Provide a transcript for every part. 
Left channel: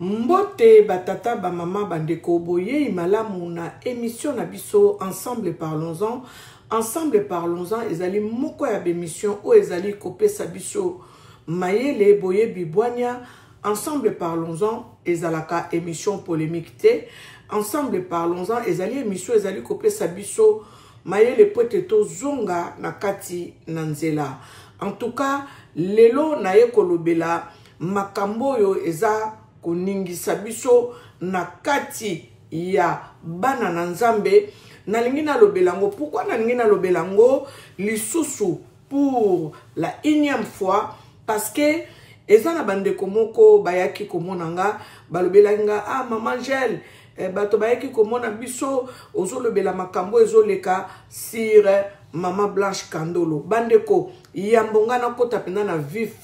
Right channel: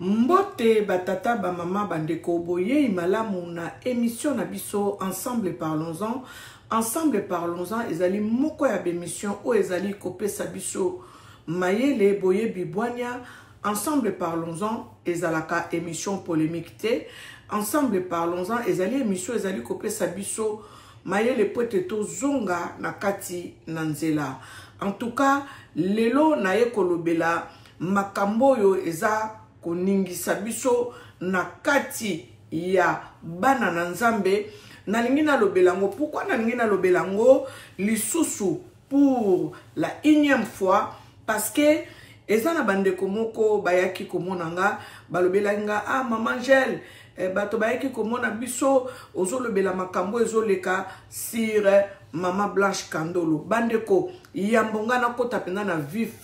Mbote batata ba mama bandeko boye imalamu na émission na biso ensemble parlons-en. Ensemble parlons-en ezali moko ya émission o ezali kopesa biso mayele boye bibwanya. Ensemble parlons-en ezalaka émission polémique te. Ensemble parlons-en ezali émission ezali kopesa biso mayele pote to zonga na kati na nzela. En tout cas lelo na ye kolobela makambo yo eza koningisa biso na kati ya bana na nzambe. Nalingi na lobelango. Pourquoi nalingi na lobelango lisusu pour la énième fois? Parce que eza na bandeko moko bayaki komonanga balobelanga ah maman Angèle bato bayaki komona biso ozolobela makambo ezoleka sur Maman Blanche Kandolo. Bandeko yambonga na kota penda na vif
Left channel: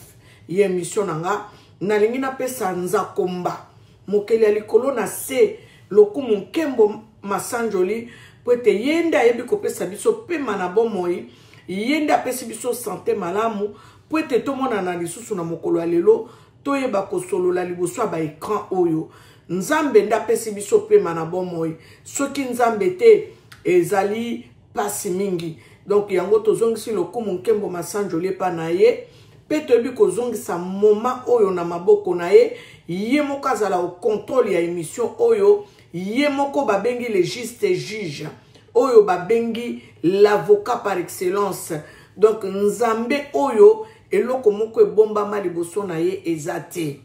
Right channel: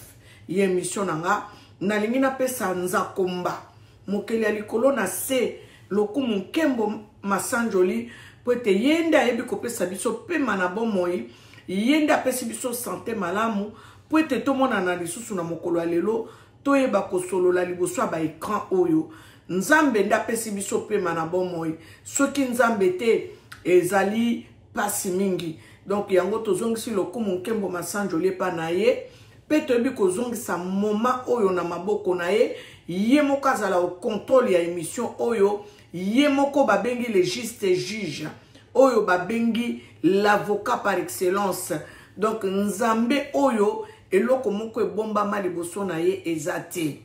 ye émission nanga nalingi na pesa nzakomba mokeli ya likolo na se lokumu nkembo masanjoli poete yende ayebi kopesa biso pema na bomoi yende apesi biso santé malamu poete tomona na lisusu na mokolo ya lelo toyeba kosolola liboso ya baekran oyo nzambe nde apesi biso pema na bomoi soki nzambe te ezali pasi mingi. Donc yango tozongisi lokumu nkembo masanjoli epa na ye pe toyebi kozongisa moma oyo na maboko na ye ye moko azala au contrôle ya émission oyo ye moko babengi le juste juge oyo babengi l'avocat par excellence. Donc nzambe oyo eloko moko ebombama liboso na ye eza te.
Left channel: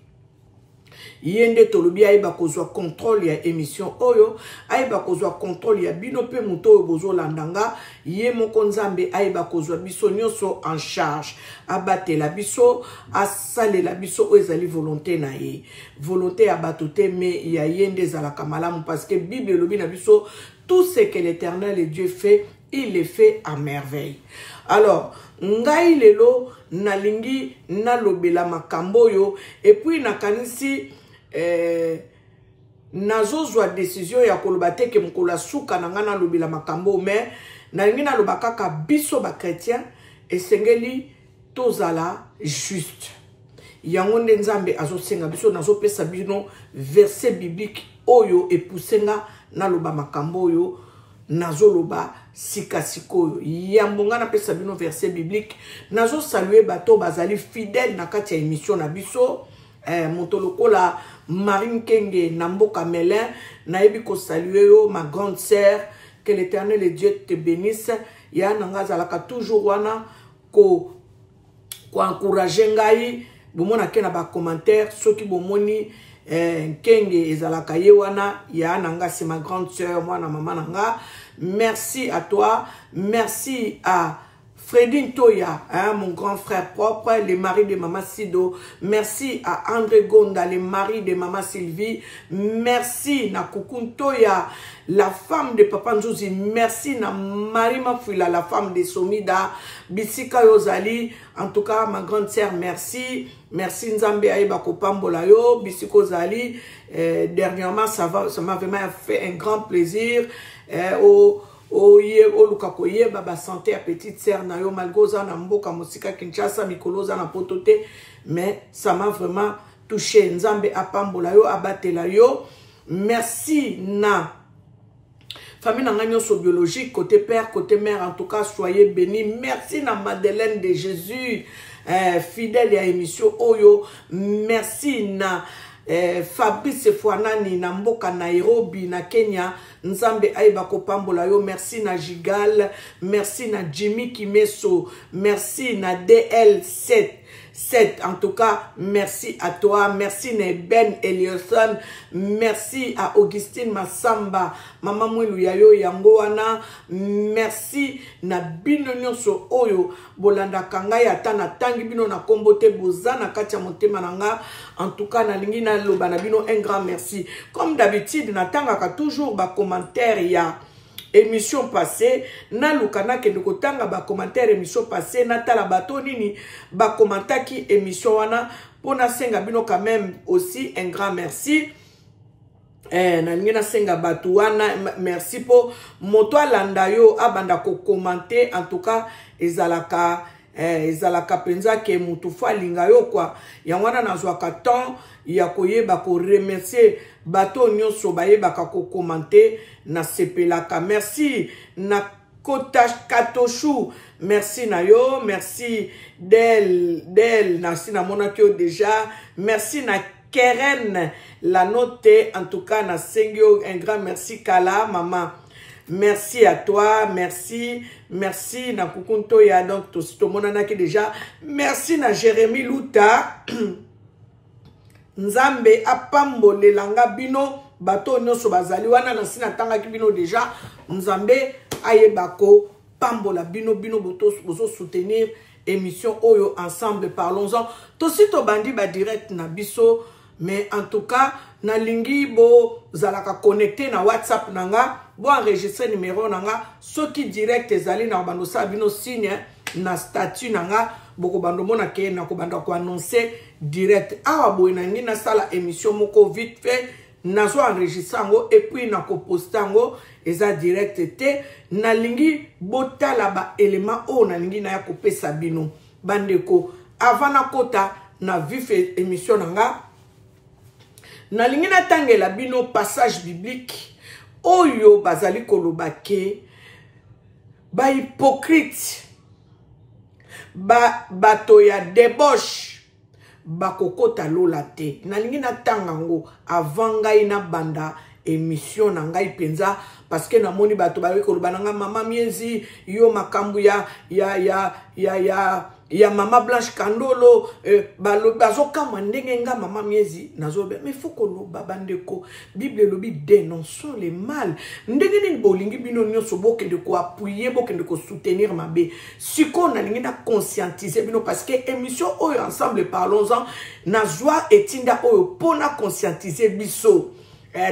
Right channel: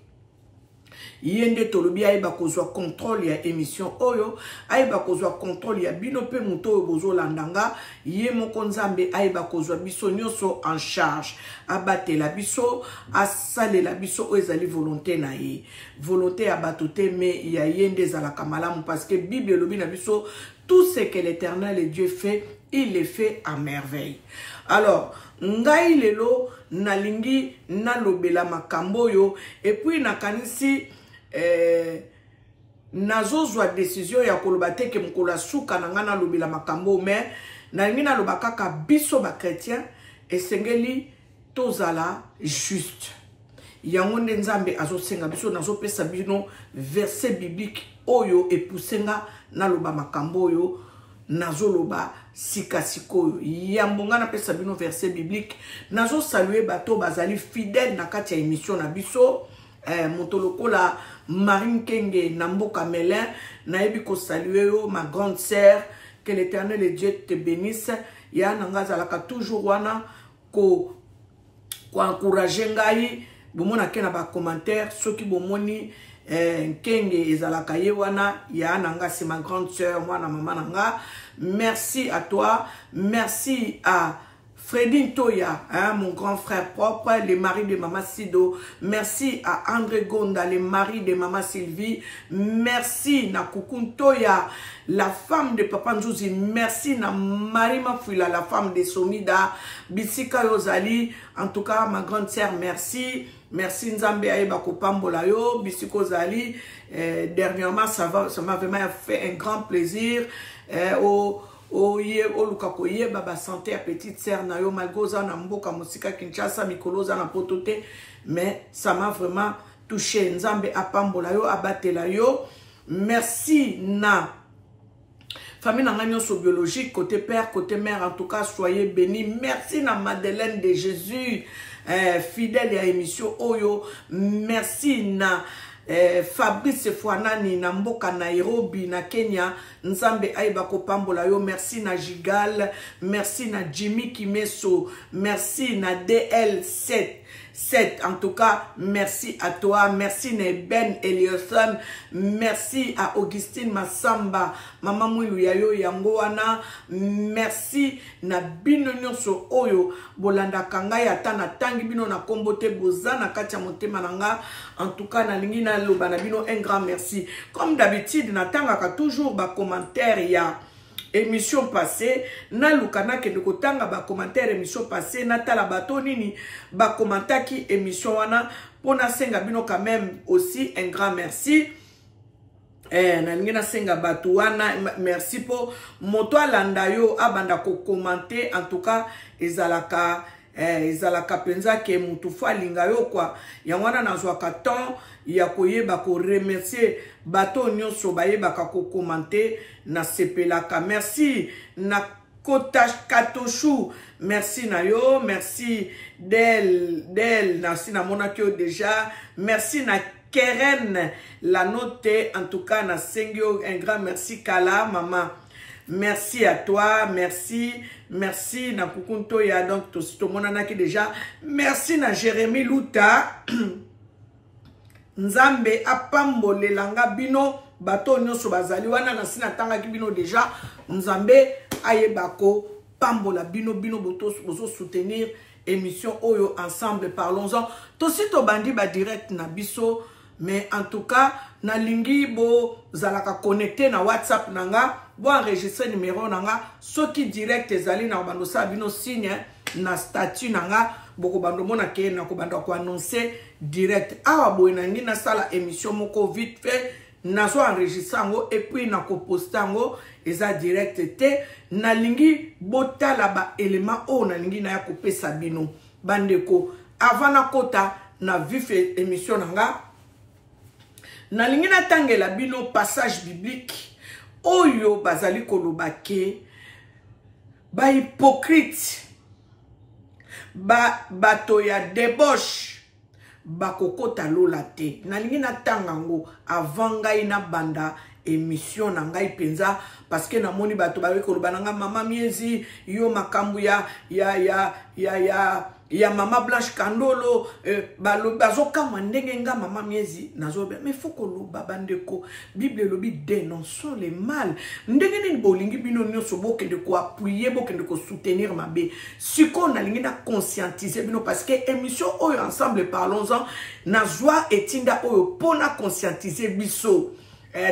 Yende tolobi ayeba kozwa contrôle ya émission oyo ayeba kozwa contrôle ya bino pe muto oyo bozolandanga ye moko nzambe ayeba kozwa biso nyonso en charge abatela biso asalela biso oyo ezali volonté na ye volonté ya bato te me ya yende ezalaka malamu parce que Bible elobi na biso tout ce que l'Éternel Dieu fait il le fait à merveille. Alors ngai lelo nalingi nalobela makambo yo et puis nakanisi nazozwa décision ya koloba te ke mokolo ya suka na nga nalobela makambo mais nalingi naloba kaka biso ba chrétien esengeli tozala juste yango nde nzambe azosenga biso nazopesa bino verset biblique oyo epusenga naloba makambo oyo nazoloba sikasikoyo yambonga na pesa bino verset biblique nazo saluer bato bazali fidèle na kati ya émission na biso montolokola Marine Kenge Namboka Melin naebi ko saluer yo ma grande sœur que l'Éternel et Dieu te bénisse ya nanga zalaka toujours wana ko encourager ngai bomona ke na ba commentaire soki bomoni Kenge ezalaka ye wana ya nanga c'est ma grande sœur moi na maman nanga. Merci à toi, merci à Fredin Toya, hein, mon grand frère propre, le mari de Maman Sido. Merci à André Gonda, le mari de Maman Sylvie. Merci na Kukun Toya, la femme de Papa Nzouzi. Merci na Marima Fouila, la femme de Somida. Bisika Yozali. En tout cas, ma grande sœur, merci. Merci Nzambe Aïba Kopambola yo. Bisiko Zali. Dernièrement, ça m'a vraiment fait un grand plaisir. Lukakoye baba santé à petite sœur na yo malgoza na mboka musika Kinshasa mikoloza na potote mais ça m'a vraiment touché. Nzambe apambola yo abatela yo. Merci na famille na nyonso biologique côté père côté mère en tout cas soyez bénis. Merci na Madeleine de Jésus fidèle à émission oyo. Merci na Fabrice Fouanani na mboka Nairobi na Kenya nzambe aiba kopambola yo. Merci na Jigal, merci na Jimmy Kimeso, merci na DL7 en tout cas merci à toi, merci na Ben Elioson, merci à Augustine Massamba mama mwilu ya yo yango wana. Merci na bino nyonso oyo bolanda kanga ata na tangi bino na kombo te bozana kati ya motema nanga. En tout cas nalingi na loba na bino un grand merci. Comme d'habitude natangaka toujours ba commentaire ya émission passée na lukana ke ndeko tanga ba commentaire émission passée na tala bato nini ba commentaire ki émission wana pona senga bino quand même aussi un grand merci. Na senga bato wana merci po moto alanda yo abanda ko commenter. En tout cas ezalaka ezalaka penza ke mutu fo alinga yo kwa yango wana nazwaka temps ya koyeba ko remercier bato nyonso bayebaka ko commenter na sepelaka. Merci na Katoshu, merci na yo, merci Del nasi na monakio déjà, merci na Keren la note, en tout cas na Sengyo, un grand merci Kala maman. Merci à toi, merci na Kukunto ya donc tout le monde qui déjà. Merci na Jérémy Luta. Nzambe apambole langa bino bato nyonso bazali wana na sina tanga ki bino déjà. Nzambe ayebako pambola bino bozo soutenir émission Oyo ensemble parlons-en. Tosito bandi ba direct na biso, mais en tout cas na lingi bo zalaka connecté na WhatsApp nanga. Bo enregistrer numéro nanga soki direct ezali na bando sa bino signe na statut nanga boko bando mona ke na ko bando ko annoncer direct awa boy nangi na sala émission moko vite fait nazo enregistrer ngo et puis na ko poster ngo eza direct te na lingi botala ba élément o na lingi na ya ko pesa bino bandeko avant na kota na vif émission nanga na lingi na tangela bino passage biblique Oyo bazali koloba ke ba hypocrite bato ya débauche bakokota lola te nalingi na tangango avant ngai na banda émission na ngai penza parce que na moni bato ba koloba nanga mama miezi yo makambu ya mama Blanche Kandolo bazo kama ndenge nga mama miezi nazobe mais faut koloba bandeko Bible lobi dénonçons les mal ndenge ni bolingi bino nyonso bokende ko appuyer bokende ko soutenir mabe siko na lingi na conscientiser bino parce que émission Oyo ensemble parlons-en na joie etinda oyo pona conscientiser biso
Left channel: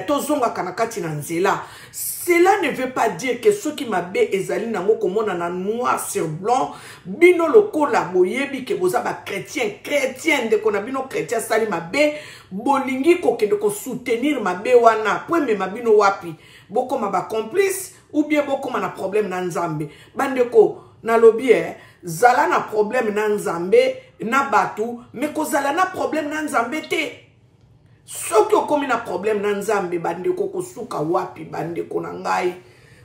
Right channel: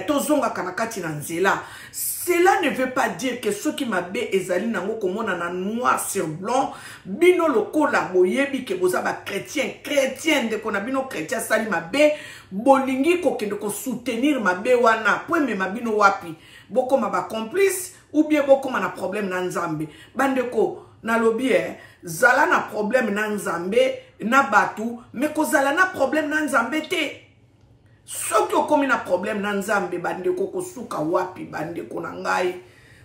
tozonga kanakati na nzela. Cela ne veut pas dire que ceux qui m'abe ezali nango komona na noir sur blanc bino lokola boyebi ke boza ba chrétien de kona bino chrétien sali mabe bolingi ko kende ko soutenir mabe wana po me mabino wapi boko ma ba complice ou bien boko ma na problème na nzambe bandeko na lobi zala na problème na nzambe na batu mais ko zala na problème na nzambe te. Soki okomi na problème na nzambe bandeko kosuka wapi bandeko na ngai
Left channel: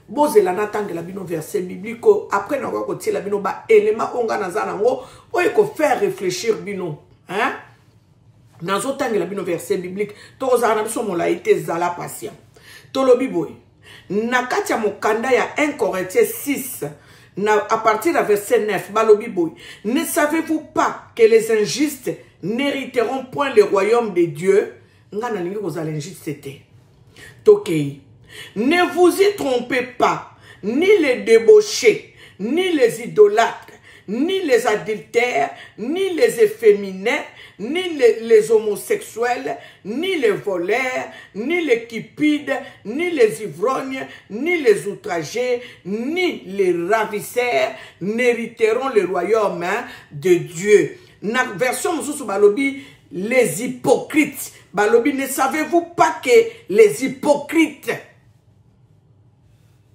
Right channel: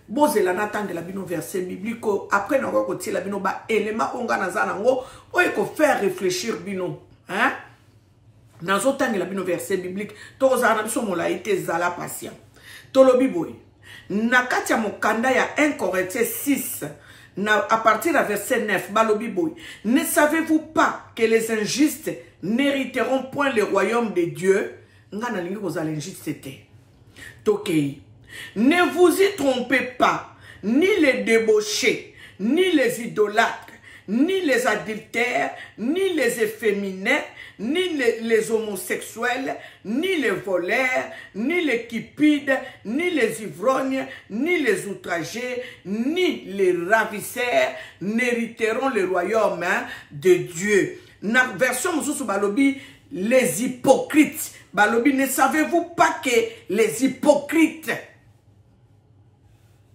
bozela na tangela bino verset biblique après na ko tiela bino ba élément onga na za nango oyo ko faire réfléchir bino hein nazo tangela bino verset biblique to za na biso molaite zala patient tolobi boy na kati ya mokanda ya 1 Corinthiens 6 à partir du verset 9 balobi boy ne savez-vous pas que les injustes n'hériteront point le royaume de Dieu? Ne vous y trompez pas, ni les débauchés, ni les idolâtres, ni les adultères, ni les efféminés, ni les homosexuels, ni les voleurs, ni les cupides, ni les ivrognes, ni les outragés, ni les ravisseurs n'hériteront le royaume de Dieu. Na version Moussou Balobi, les hypocrites. Balobi, ne savez-vous pas que les hypocrites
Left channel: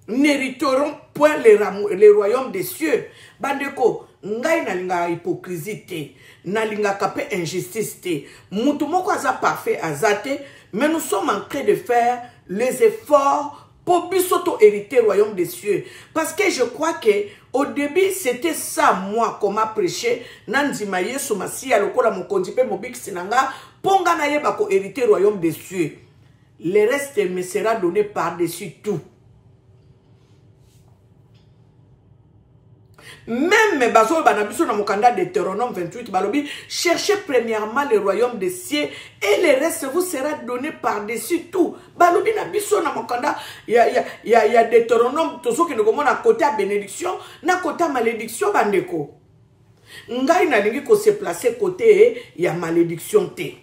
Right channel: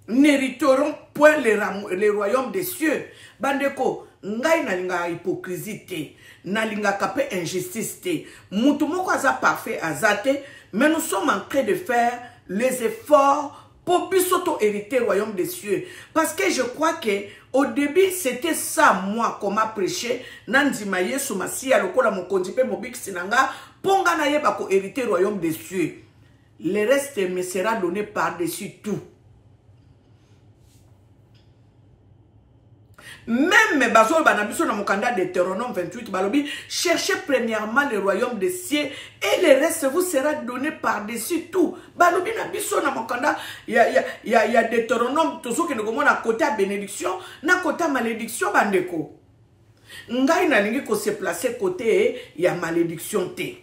n'hériteront point les royaumes des cieux? Bandeko, ngai nalinga hypocrisie te, nalinga kape injustice te. Mutu moko aza parfait azate, mais nous sommes en train de faire les efforts pour bisoto hériter le royaume des cieux. Parce que je crois que au début, c'était ça, moi, qu'on m'a prêché. Nandima Yesu Masia, lokola mokondipe mobik sinanga, ponga na yeba ko hériter le royaume des cieux. Le reste me sera donné par-dessus tout. Même Bazol Banabiso na mokanda de Deutéronome 28, Balobi, cherchez premièrement le royaume des cieux et le reste vous sera donné par-dessus tout. Balobi Nabiso na mokanda, il y a Deutéronome, tout ce qui nous à côté à bénédiction, na côté à malédiction, bandeko. Ngai na lingi ko se placer côté, il y a malédiction te.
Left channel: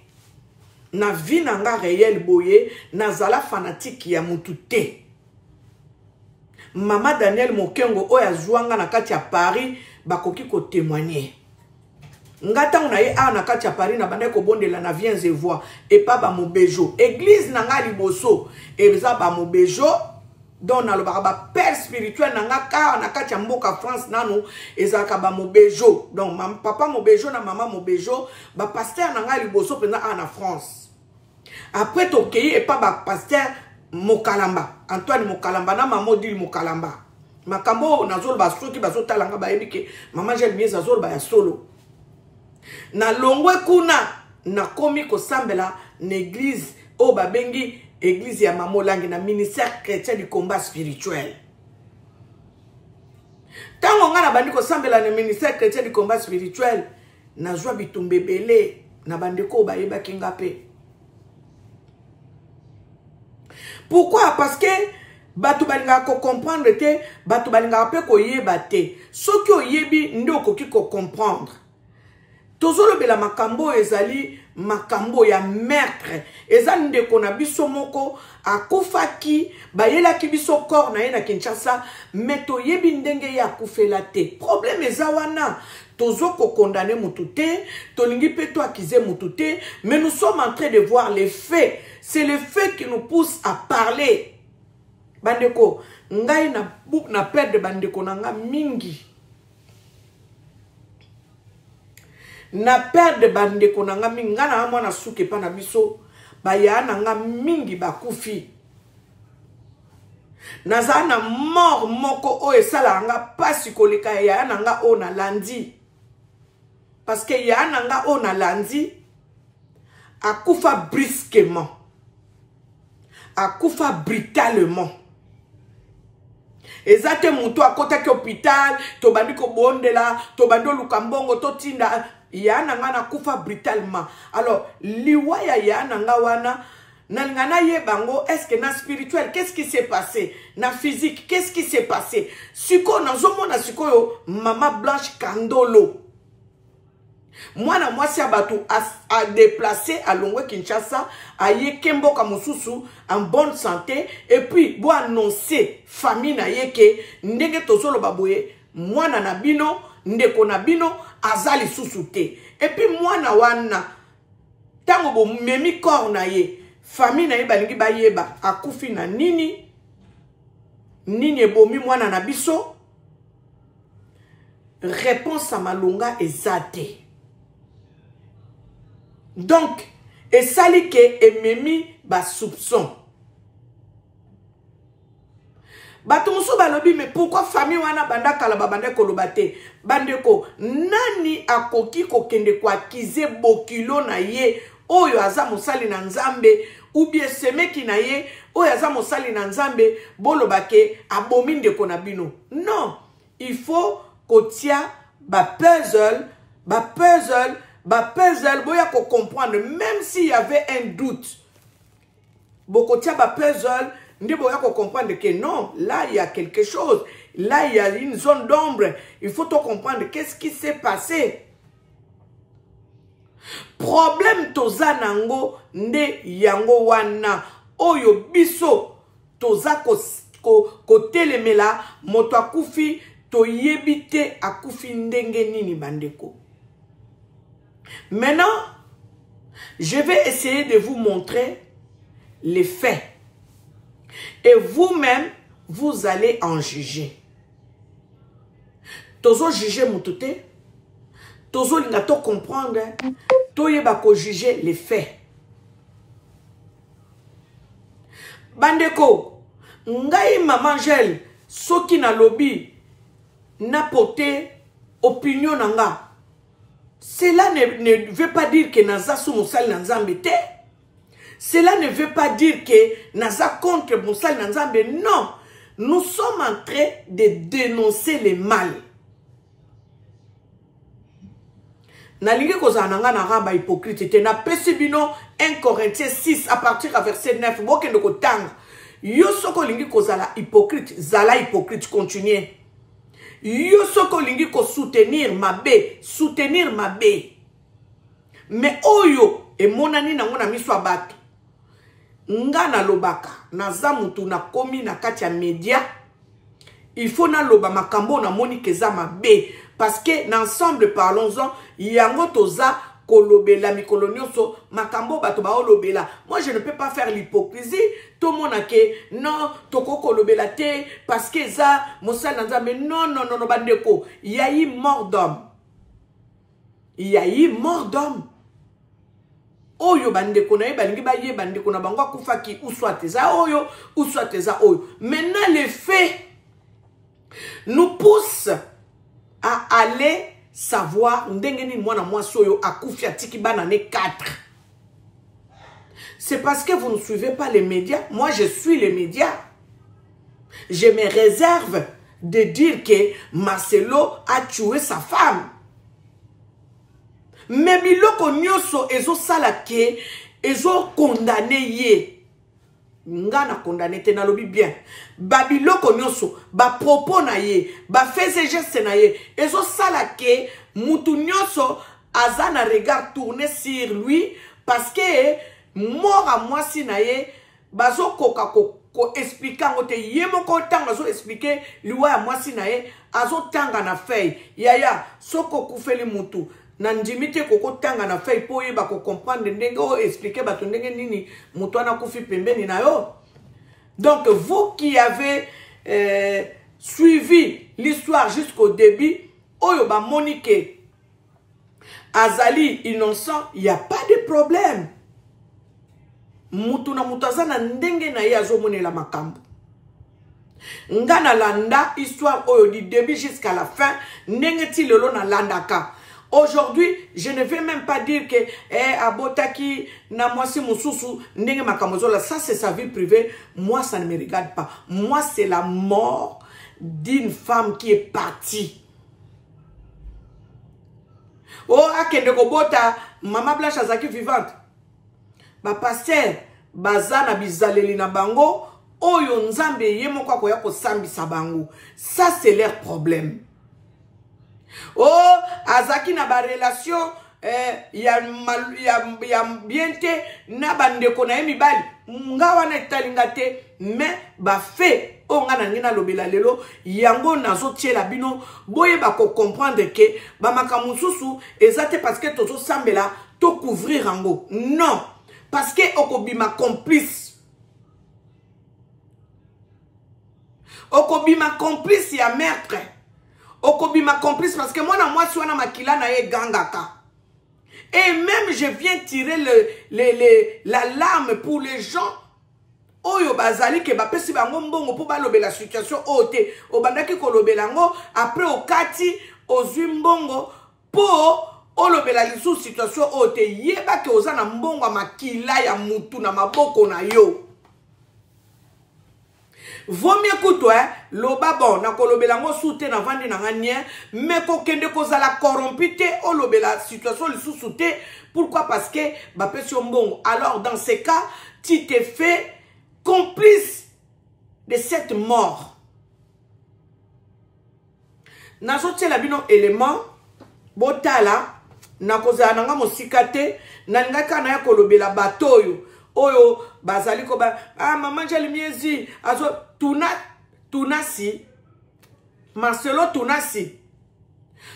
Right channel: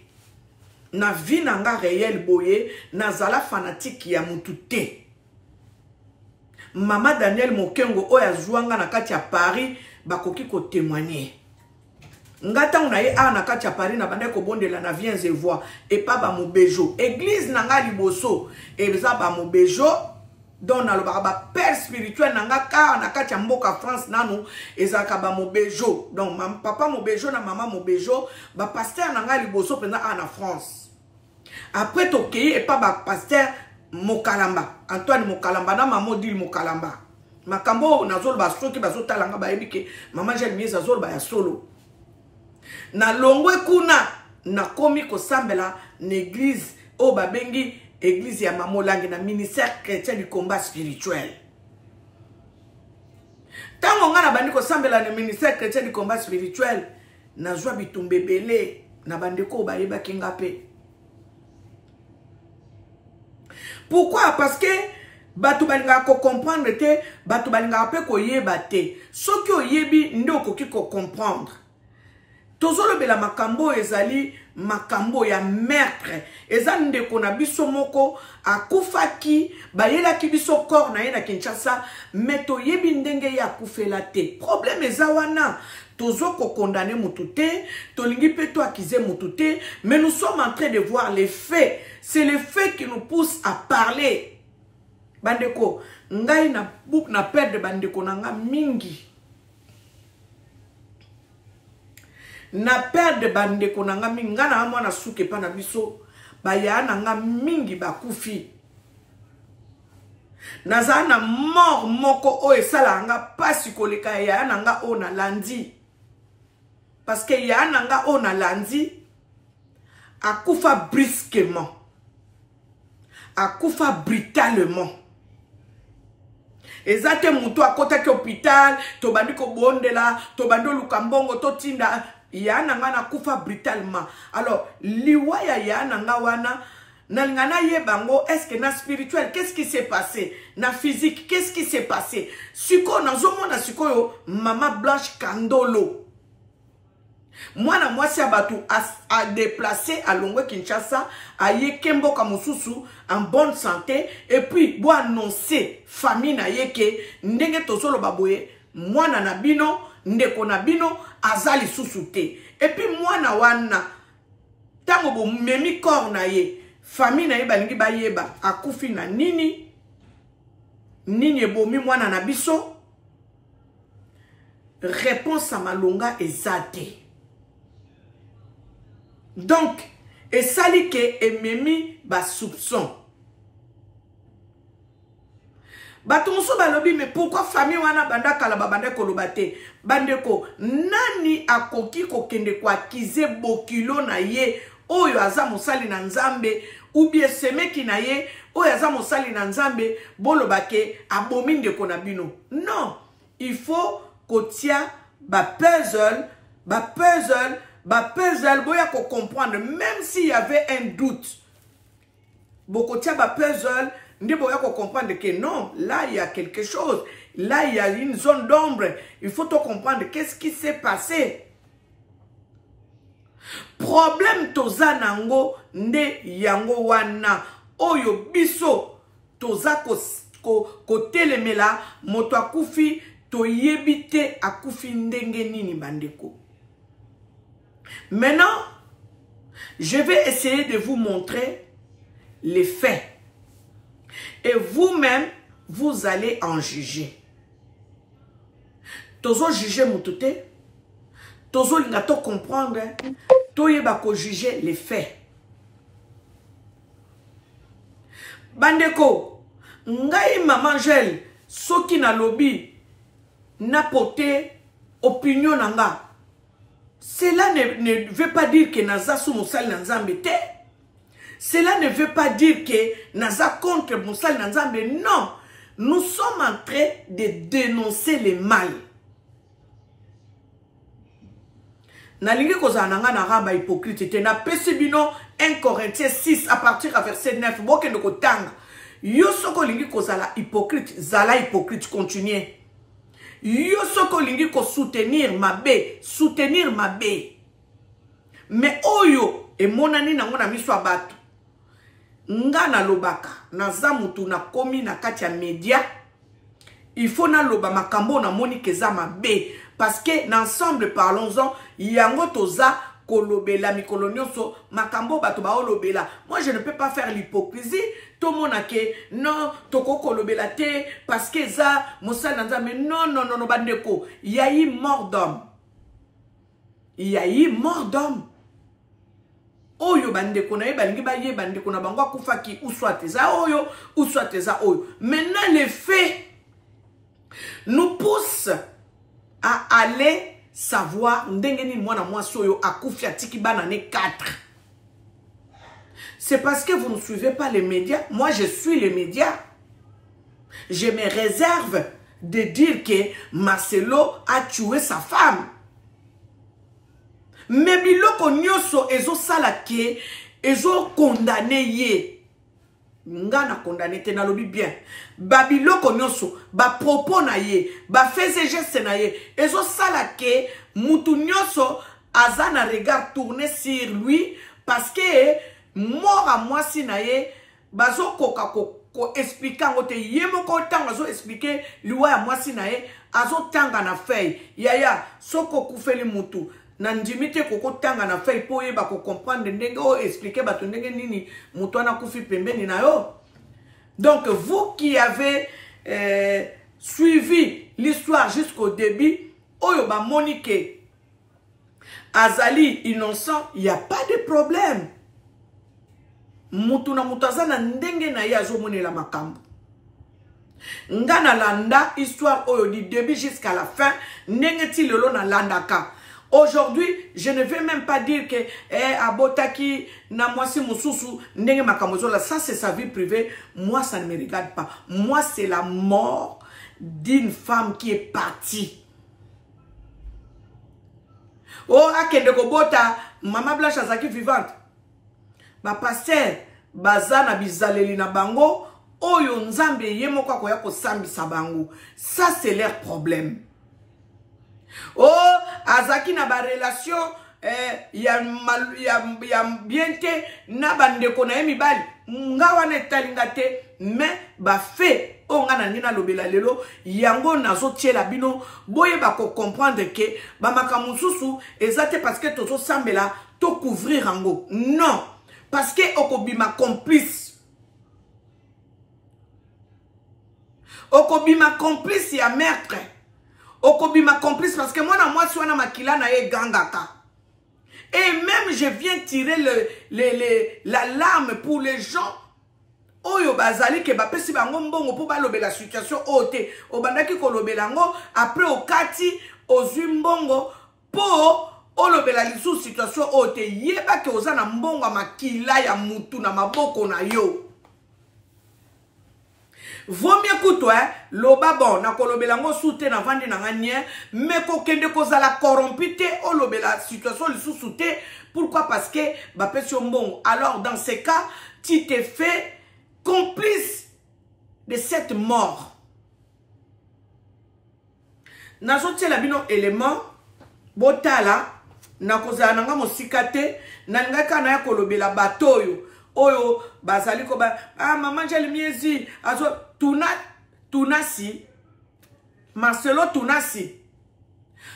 Na vie na nga réel boye, na zala fanatique ya mutu te. Mama Daniel Mokengo oya zouanga na kati ya Paris bakoki ko témoigner. Ngata unaye a na kati ya Paris na bande ko bondela na viens et vois et pas ba mobejo. Église na nga liboso eza ba mobejo donc nalobaka ba père spirituel nanga ka na kati ya mboka France nanu ezalaka ba mobejo donc papa mobejo na mama mobejo ba pasteur nanga liboso pena na France après tokei et pas ba pasteur Mokalamba Antoine Mokalamba na mama Odile Mokalamba makambo nazolo ba soki bazotalanga ba yebike mama Jeanne Miez azolo ba ya solo na longwe kuna na komi kosambela na église o babengi église ya Mamolangi na ministère chrétien du combat spirituel. Tango nga na bandi kosambela na ministère chrétien du combat spirituel na zwa bitumbe belé na bandeko bayeba kinga pe. Pourquoi? Parce que batu balinga ko comprendre te, batu balinga pe ko yeba te. Soki oyebi ndo koki ko comprendre. Tozolo bela makambo ezali makambo ya meurtre. Ezali ndeko na biso moko akufaki bayelaki biso corps na ye na Kinshasa meto yebi ndenge ya kufela te. Problème eza wana tozo ko condamner mutu te, tolingi pe to accuser mutu te, mais nous sommes en train de voir les faits. C'est le fait qui nous pousse à parler. Bandeko, ngai na perdre bandeko nanga mingi. Na perdre bandeko nanga mingi. Nga na mwana suke pa na biso. Baya nanga mingi bakufi. Naza na mort moko o esala nga pasi koleka ya nanga o na landi. Parce que ya nanga o na landi akufa brusquement. Akufa brutalement. Ezate mutu akota ki hôpital, to bandi ko bondela, to bando lukambongo to tinda, ya nanga na kufa brutalement. Alors, liwa ya nanga wana, nalingana ye bango, est-ce que na spirituel, qu'est-ce qui s'est passé? Na physique, qu'est-ce qui s'est passé? Siko, na zomo na siko yo, Mama Blanche Kandolo. Moi na moi si abatu a déplacé à Longwe Kinshasa, à Yekembo Kamususu en bonne santé et puis bo annoncer famille na yeke ndenge tozolo baboye moi na bino ndeko na bino azali susute et puis moi na wana tango bo memi corps na ye famille na ye balingi bayeba akufi na nini ebomi mwana na biso. Réponse à malonga ezate. Donc, et sali ke ememi ba soupçon. Batumusu balobi, mais pourquoi famille wana banda kalaba banda kolobate? Bandeko, nani akoki kokende kwa kize bokilo na ye, oyo aza mosali na nzambe, ou bien semeki na ye, oyo aza mosali na nzambe, bolobake abomi ndeko na bino. Non, il faut kotia ba puzzle, boya ko comprendre, même s'il y avait un doute. Bokotia ba puzzle, ndi boya ko comprendre que non, là il y a quelque chose. Là il y a une zone d'ombre. Il faut tout comprendre qu'est-ce qui s'est passé. Problème toza nango nde yango wana. Oyo biso toza ko telemela moto akufi to yebite akufi ndenge nini bandeko. Maintenant, je vais essayer de vous montrer les faits. Et vous-même, vous allez en juger. Tozo juger moutouté. Tozo lingato comprendre. Toyeba ko juger les faits. Bandeko, ngai maman gel, soki na lobby, na pote opinion nanga. Cela ne veut pas dire que naza sou moussal nanzambe te. Cela ne veut pas dire que naza contre moussal nanzambe. Non. Nous sommes en train de dénoncer le mal. Nalingi koza nanga na ramba hypocrite te. Na pesibino 1 Corinthiens 6 à partir à verset 9. Boke ndoko tanga. Yo soko lingi koza la hypocrite. Zala hypocrite continuez. Yo soko lingi ko soutenir ma bé. Mais oyo e monani nango na miso abato. Nga na lobaka naza mutu na komi na kati ya media. Il faut na loba makambo na moni keza mabe parce que ensemble parlons-en yango toza kolobela mikolo nyonso makambo bato ba olobela. Moi je ne peux pas faire l'hypocrisie. Tout le monde a que non toko kolobela te parce que ça mosala nzambe non non non bandeko, il y a eu mort d'homme. Il y a eu mort d'homme. Oyo bandeko na balingi ba ye bandeko na bango akufaki ou soit eza oyo ou soit eza oyo. Maintenant les faits nous poussent à aller savoir ndengeni mwana mwasi oyo akufi atiki bana ne 4. C'est parce que vous ne suivez pas les médias. Moi je suis les médias. Je me réserve de dire que Marcelo a tué sa femme. Mais biloko nyoso ezo salake ezo condamné ye. Ngana condamné te na lobi bien. Ba biloko nyoso ba propos na ye, ba faisait geste na ye ezo salake mutu nyoso azana regard tourné sur lui parce que mort à moi si na ye bazo koka ko expliquer ngote ye moko tanga zo expliquer liwa ya moi si na ye azo tanga na feuille yaya soko kufeli mutu na njimite koko tanga na feuille po yeba ko comprendre ndenge o expliquer bato ndenge nini mutu ana kufi pembeni na yo. Donc vous qui avez suivi l'histoire jusqu'au début, oyo ba Monique azali innocent, il n'y a pas de problème. Mutu na mutazana ndenge na ye azomonela makambo. Ngana landa histoire oyo du début jusqu'à la fin, ndenge ti lelo na landaka. Aujourd'hui, je ne vais même pas dire que abotaki na mwasi mususu ndenge makamozola, ça c'est sa vie privée. Moi ça ne me regarde pas. Moi c'est la mort d'une femme qui est partie. Oh akende ko bota Mama Blanche azaki vivante. Ba pasteur bazana bizaleli na bango oyo nzambe yemo kwa koya ko sambisa bango. Ça c'est leur problème. Oh, azaki na ba relation ya biente na bandeko na mibali nga wana etalinga te mais ba fait onga na ngina lobela lelo yango nazo tiela bino boye ba ko comprendre que ba makamususu ezate parce que tozo sambela to couvrir ango non parce que okobima complice ya meurtre. Okobima complice parce que moi na moi suis na makila na ye gangaka. Et même je viens tirer la larme pour les gens. Oyo bazali ke ba pesi bango mbongo po ba lobela situation ote. Obandaki ko lobela ngo après okati ozumbongo po o lobela lisu situation ote yeba ke ozana mbongo makila ya mutu na maboko na yo. Vaut mieux que toi, loba bon, na kolobela ngo soute na vandi na nganye, mais ko kende ko zala corrompite o lobela situation li soute. Pourquoi? Parce que ba pesi bon. Alors dans ces cas, tu te fais complice de cette mort. Na sote la bino élément botala na kozala nga mosikate na ngaka na ya kolobela batoyo. Oyo bazali ko ba maman jali miezi azo tunasi Marcelo tunasi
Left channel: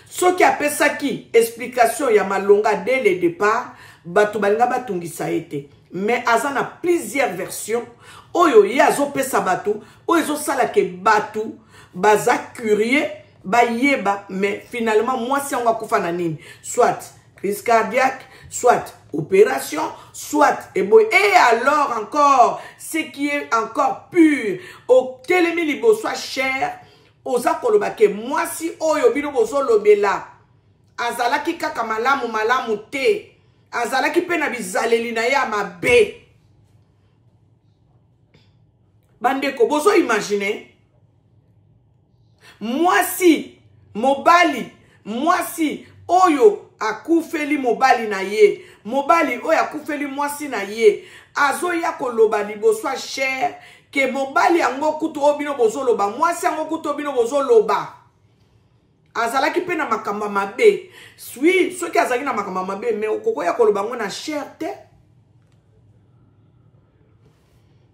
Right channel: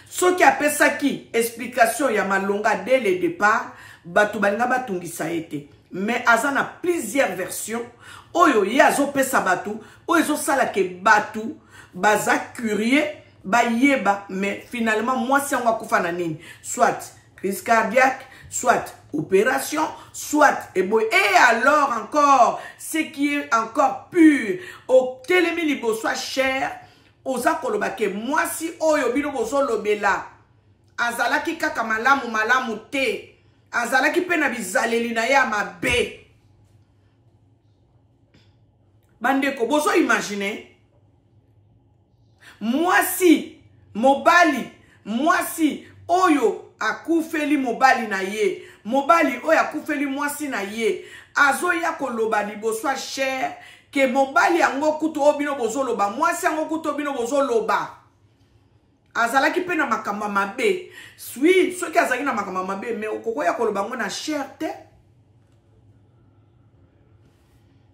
soki apesaki explication ya malonga dès le départ batu balinga batungisa ete mais azana plusieurs versions oyo ye azo pesa batu oyo zo sala ke batu baza curieux bayeba mais finalement moi si on va kufa na nini soit crise cardiaque soit opération, soit et alors encore ce qui est encore pur au télémi libo soit cher aux akolobake moi si oyo bino bozo lobela azalaki kaka malamu te azalaki pena bizaleli na ya mabe bandeko bozo imaginer moi si mobali moi si oyo akufeli mobali na ye mobali oyo akufeli mwasi na ye azo ya koloba liboso cher ke mobali yango kuto obino bozoloba mwasi yango kuto obino bozoloba azalaki pe na makamba mabe swi soki azalaki na makamba mabe mais okoko ya koloba ngo na cher te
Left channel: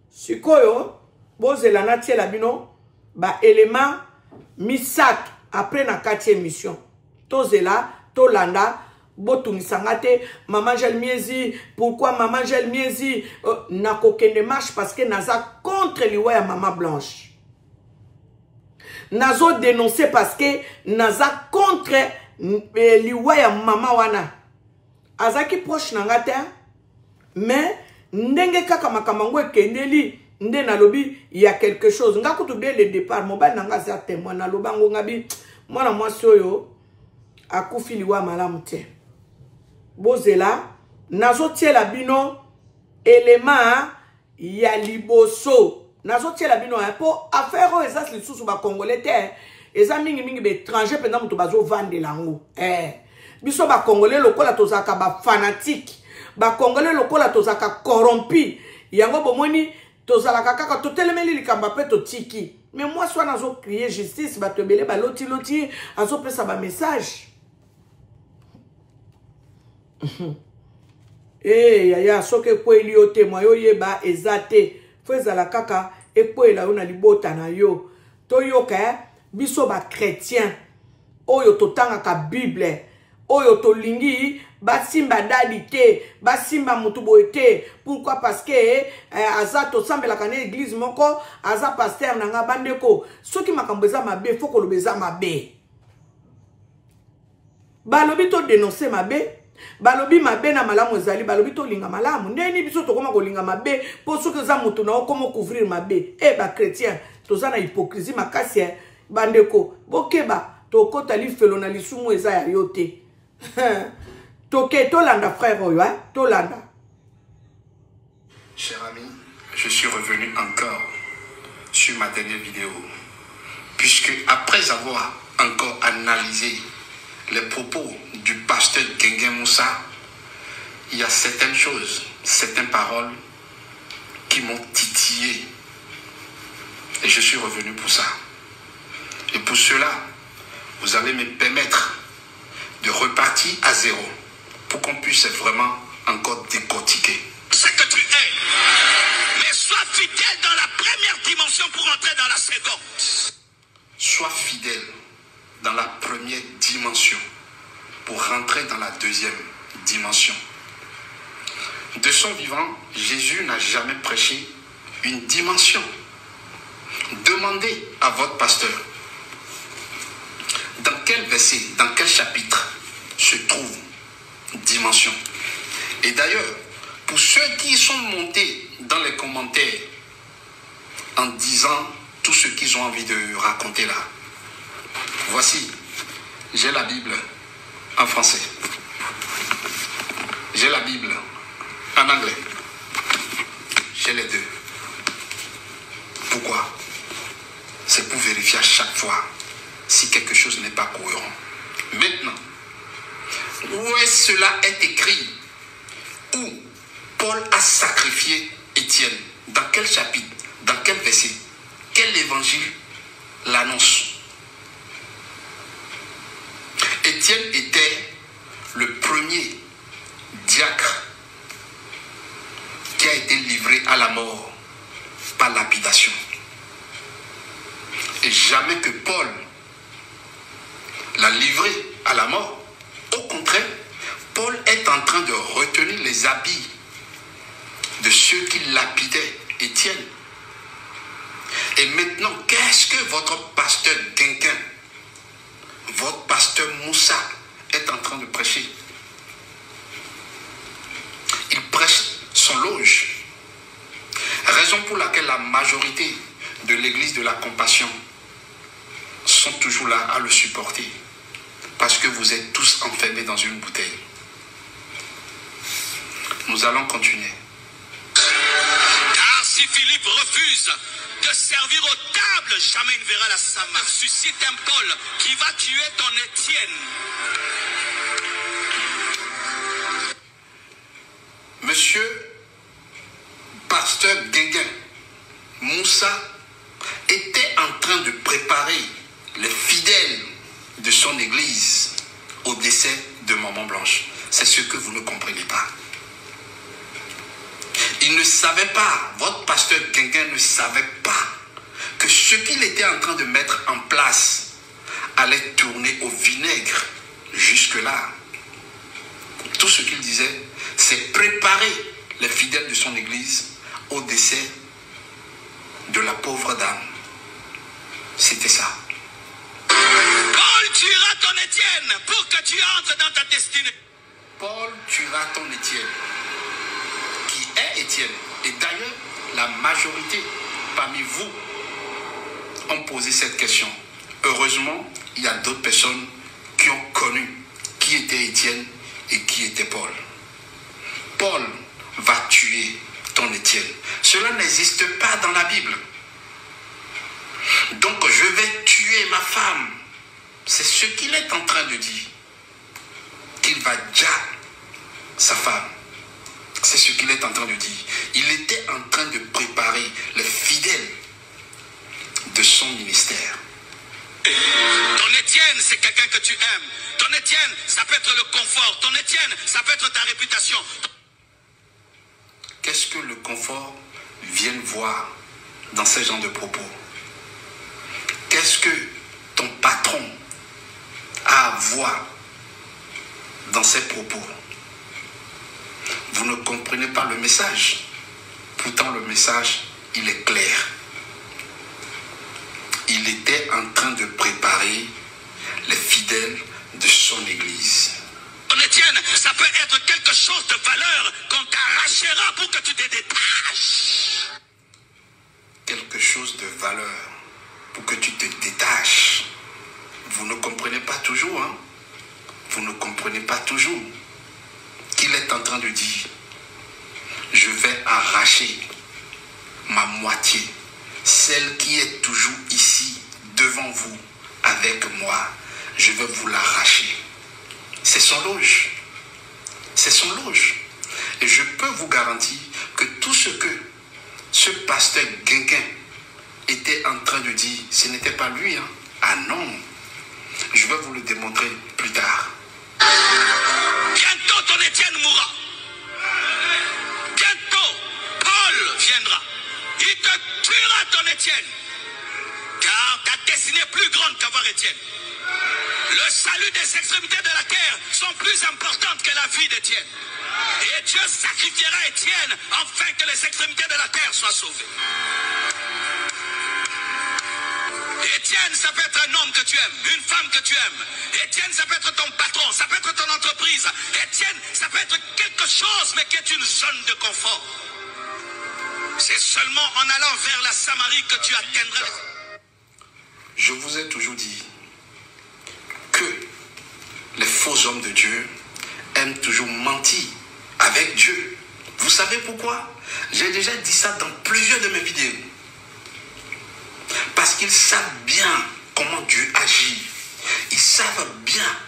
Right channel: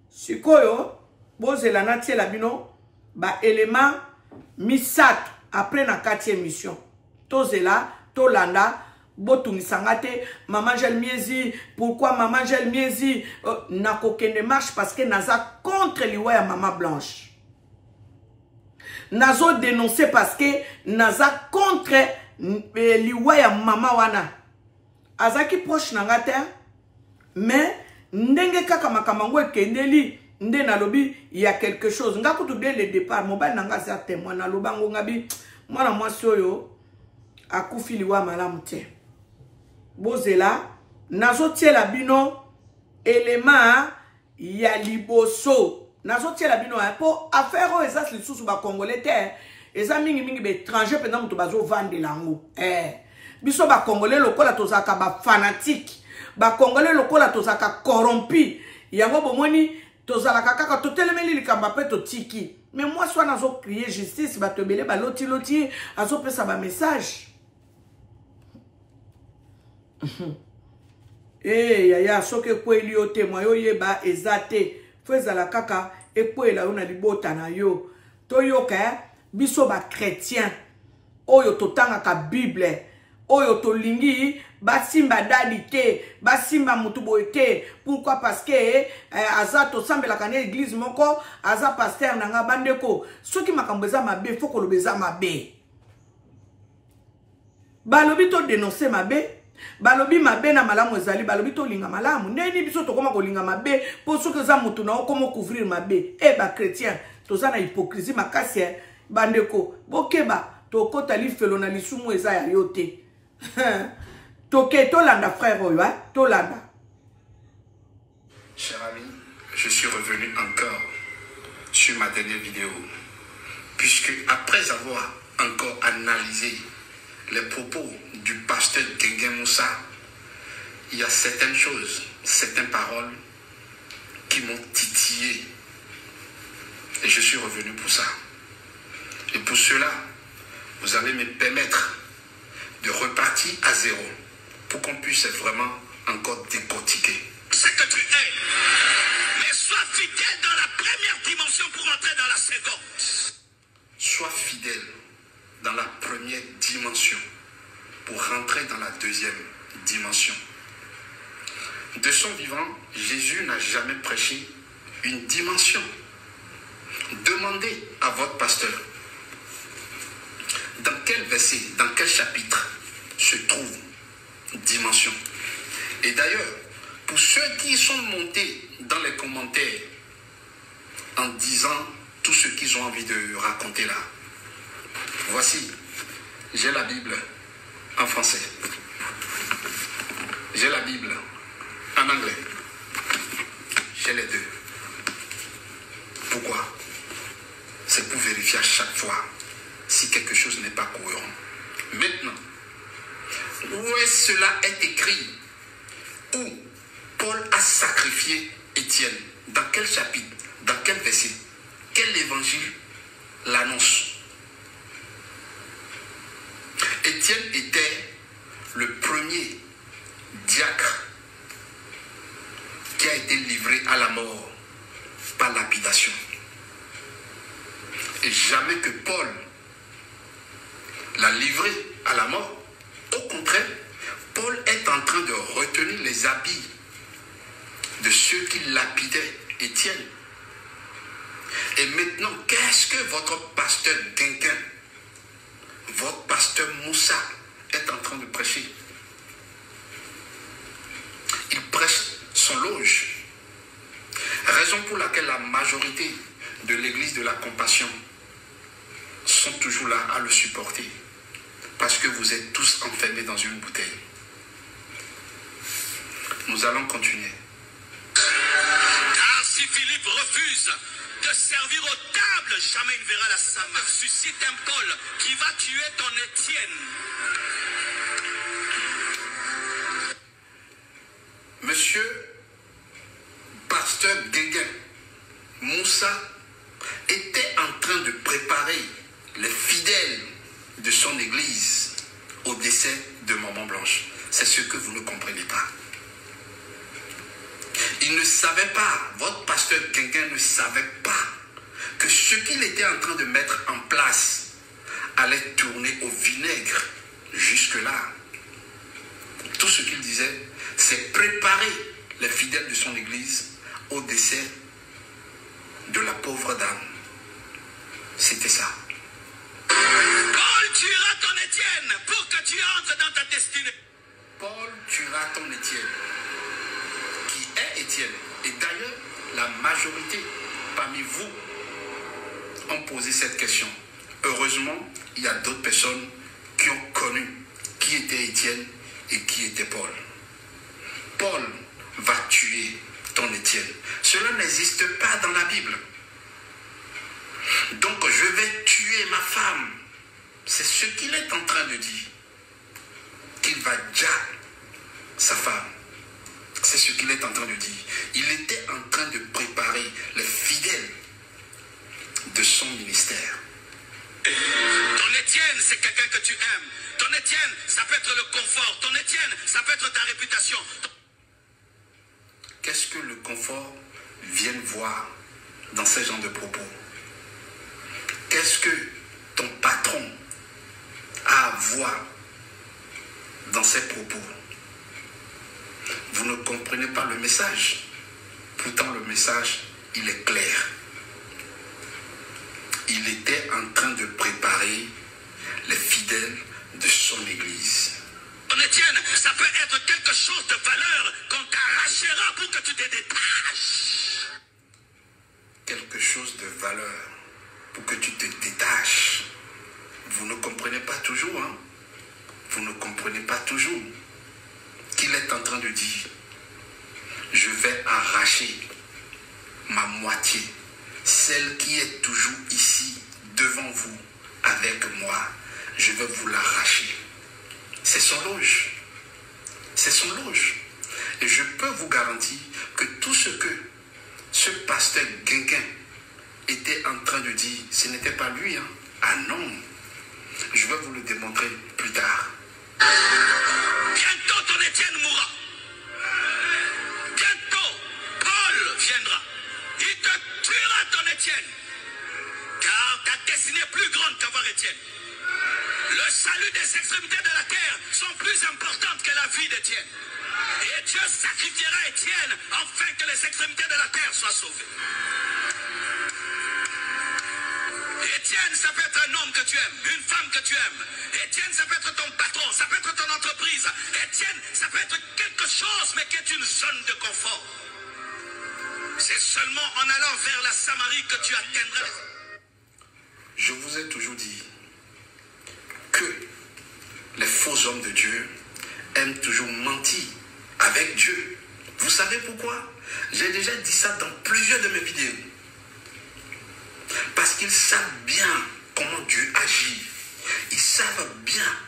sikoyo bozela na tiela bino ba élément misato après na 4e émission tozela tolanda Botumisangate, maman gel miezi, pourquoi maman gel miezi? Na kokende marche parce que naza contre liwa ya maman blanche. Nazo dénoncer parce que naza contre liwa ya maman wana. Azaki proche nangate, mais ndenge kaka makamango ekendeli, nde nalobi, il y a quelque chose. Nga kutu dès le départ, mobile nanga za témoin, nalobango ngabi, mwana mwasi oyo, akufi liwa malamu te. Bozela, nazo tie la bino, élément, ya liboso. Nazo tie la bino, po affaire o esas li sous ba congolais te, esa mingi be étranger pendant muto bazo vande lango. Biso ba congolais lokola tozaka ba fanatique, ba congolais lokola tozaka corrompu. Yango bomoni tozalaka kaka totelemeli likamba pe totiki. Mais moi soit nazo crier justice, ba tebele ba loti azo pesa ba message. Yaya soke kweli yo témoin yo yeba ezate feza la kaka ekwela yo na libota na yo toyoka biso ba chrétien oyo totanga ka bible oyo tolingi basimba dadi te basimba mutu boye te. Pourquoi? Parce que aza tosambela kana église moko aza pasteur nanga bandeko soki makambo eza mabe foko lobeza mabe balobi to dénoncer mabe. Balobi mabe na malamu ezali balobi to linga malamu neni biso to koma ko linga mabe po soki za mutu na okoma couvrir mabe ba chrétien toza na hypocrisie makasi bandeko bokeba to kota li felo na lisumu eza ya yote toke to landa frère oyo to landa. Cher ami, je suis revenu encore sur ma dernière vidéo puisque après avoir encore analysé les propos du pasteur Gengen Moussa, il y a certaines choses, certaines paroles qui m'ont titillé. Et je suis revenu pour ça. Et pour cela, vous allez me permettre de repartir à zéro pour qu'on puisse vraiment encore décortiquer. Ce que tu es, mais sois fidèle dans la première dimension pour entrer dans la seconde. Sois fidèle dans la première dimension pour rentrer dans la deuxième dimension. De son vivant, Jésus n'a jamais prêché une dimension. Demandez à votre pasteur dans quel verset, dans quel chapitre se trouve dimension. Et d'ailleurs, pour ceux qui sont montés dans les commentaires en disant tout ce qu'ils ont envie de raconter là, voici, j'ai la Bible en français. J'ai la Bible en anglais. J'ai les deux. Pourquoi? C'est pour vérifier à chaque fois si quelque chose n'est pas cohérent. Maintenant, où est-ce cela est écrit? Où Paul a sacrifié Étienne? Dans quel chapitre? Dans quel verset? Quel évangile l'annonce? Étienne était le premier diacre qui a été livré à la mort par lapidation. Et jamais que Paul l'a livré à la mort. Au contraire, Paul est en train de retenir les habits de ceux qui lapidaient Étienne. Et maintenant, qu'est-ce que votre pasteur Gengen, votre pasteur Moussa est en train de prêcher? Il prêche son loge. Raison pour laquelle la majorité de l'église de la compassion sont toujours là à le supporter. Parce que vous êtes tous enfermés dans une bouteille. Nous allons continuer. Car si Philippe refuse de servir aux tables, jamais il ne verra la Sama. Suscite un Paul qui va tuer ton Étienne. Monsieur pasteur Gengen Moussa était en train de préparer les fidèles de son église au décès de Maman Blanche. C'est ce que vous ne comprenez pas. Il ne savait pas, votre pasteur Gengen ne savait pas que ce qu'il était en train de mettre en place allait tourner au vinaigre jusque-là. tout ce qu'il disait, c'est préparer les fidèles de son église au décès de la pauvre dame. C'était ça. Paul tuera ton Étienne pour que tu entres dans ta destinée. Paul tuera ton Étienne. Qui est Étienne? Et d'ailleurs, la majorité parmi vous ont posé cette question. Heureusement, il y a d'autres personnes qui ont connu qui était Étienne et qui était Paul. Paul va tuer ton Étienne. Cela n'existe pas dans la Bible. Donc je vais tuer ma femme. C'est ce qu'il est en train de dire. Qu'il va déjà sa femme. C'est ce qu'il est en train de dire. Il était en train de préparer les fidèles de son ministère. Ton Étienne, c'est quelqu'un que tu aimes. Ton Étienne, ça peut être le confort. Ton Étienne, ça peut être ta réputation. Qu'est-ce que le confort vient voir dans ce genre de propos? Qu'est-ce que ton patron a à voir dans ces propos? Vous ne comprenez pas le message. Pourtant, le message, il est clair. Il était en train de préparer les fidèles de son église. Ton Étienne, ça peut être quelque chose de valeur qu'on t'arrachera pour que tu te détaches. Quelque chose de valeur pour que tu te détaches. Vous ne comprenez pas toujours, hein? Vous ne comprenez pas toujours qu'il est en train de dire, je vais arracher ma moitié, celle qui est toujours ici, devant vous, avec moi. Je vais vous l'arracher. C'est son loge. C'est son loge. Et je peux vous garantir que tout ce que ce pasteur Guinguin était en train de dire, ce n'était pas lui. Hein? Ah non. Je vais vous le démontrer plus tard. Bientôt ton Étienne mourra. Bientôt Paul viendra. Il te tuera ton Étienne. Car ta destinée est plus grande qu'avoir Étienne. Le salut des extrémités de la terre sont plus importantes que la vie d'Étienne. Et Dieu sacrifiera Étienne afin que les extrémités de la terre soient sauvées. Étienne, ça peut être un homme que tu aimes, une femme que tu aimes. Étienne, ça peut être ton patron, ça peut être ton entreprise. Étienne, ça peut être quelque chose, mais qui est une zone de confort. C'est seulement en allant vers la Samarie que tu atteindras. Je vous ai toujours dit que les faux hommes de Dieu aiment toujours mentir avec Dieu. Vous savez pourquoi? J'ai déjà dit ça dans plusieurs de mes vidéos. Parce qu'ils savent bien comment Dieu agit. Ils savent bien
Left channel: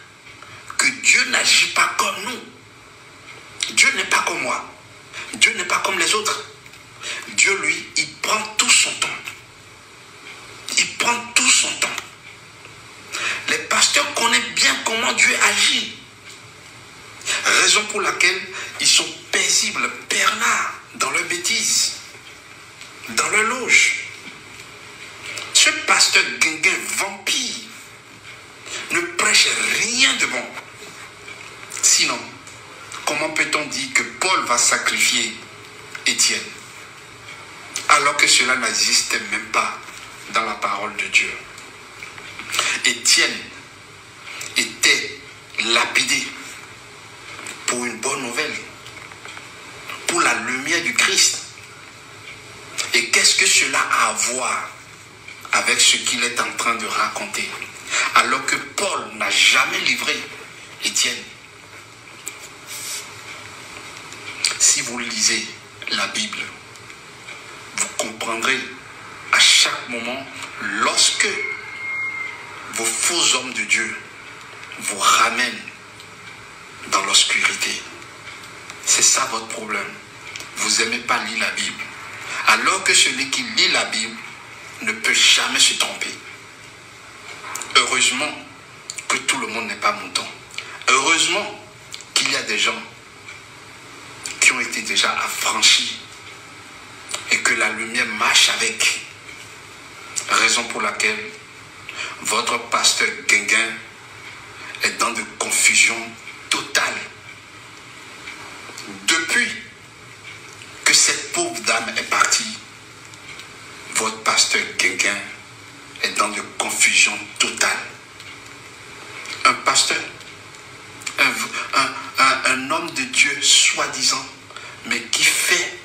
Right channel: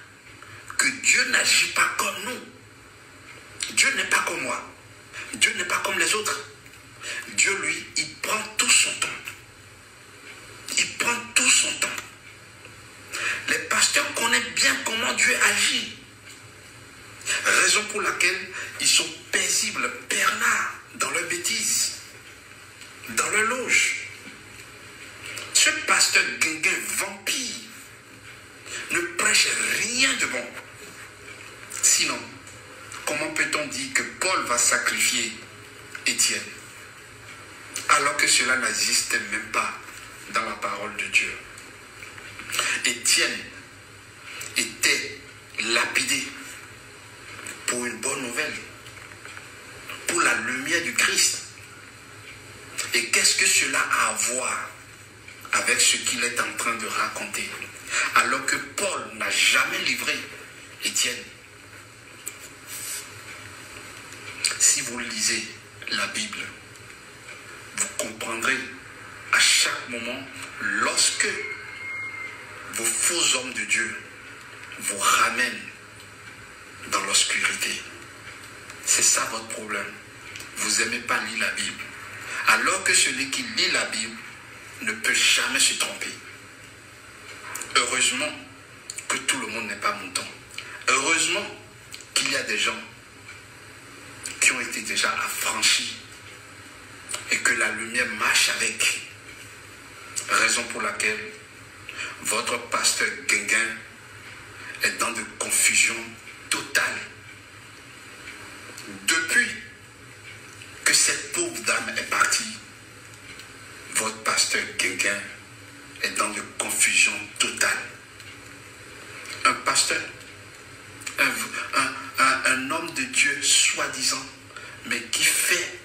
que Dieu n'agit pas comme nous. Dieu n'est pas comme moi. Dieu n'est pas comme les autres. Dieu, lui, il prend tout son temps. Il prend tout son temps. Les pasteurs connaissent bien comment Dieu agit. Raison pour laquelle ils sont paisibles, bernards, dans leurs bêtises, dans leur loge. Ce pasteur Guinguin vampire ne prêche rien de bon. Sinon, comment peut-on dire que Paul va sacrifier Étienne alors que cela n'existe même pas dans la parole de Dieu? Étienne était lapidé pour une bonne nouvelle, pour la lumière du Christ. Et qu'est-ce que cela a à voir avec ce qu'il est en train de raconter? Alors que Paul n'a jamais livré Étienne. Si vous lisez la Bible, vous comprendrez à chaque moment, lorsque vos faux hommes de Dieu vous ramènent dans l'obscurité. C'est ça votre problème. Vous n'aimez pas lire la Bible. Alors que celui qui lit la Bible ne peut jamais se tromper. Heureusement que tout le monde n'est pas mouton. Heureusement qu'il y a des gens qui ont été déjà affranchis et que la lumière marche avec. Raison pour laquelle votre pasteur Guinguin est dans de confusion totale. depuis que cette pauvre dame est partie, votre pasteur Guinguin est dans de confusion totale. Un pasteur, un homme de Dieu soi-disant, mais qui fait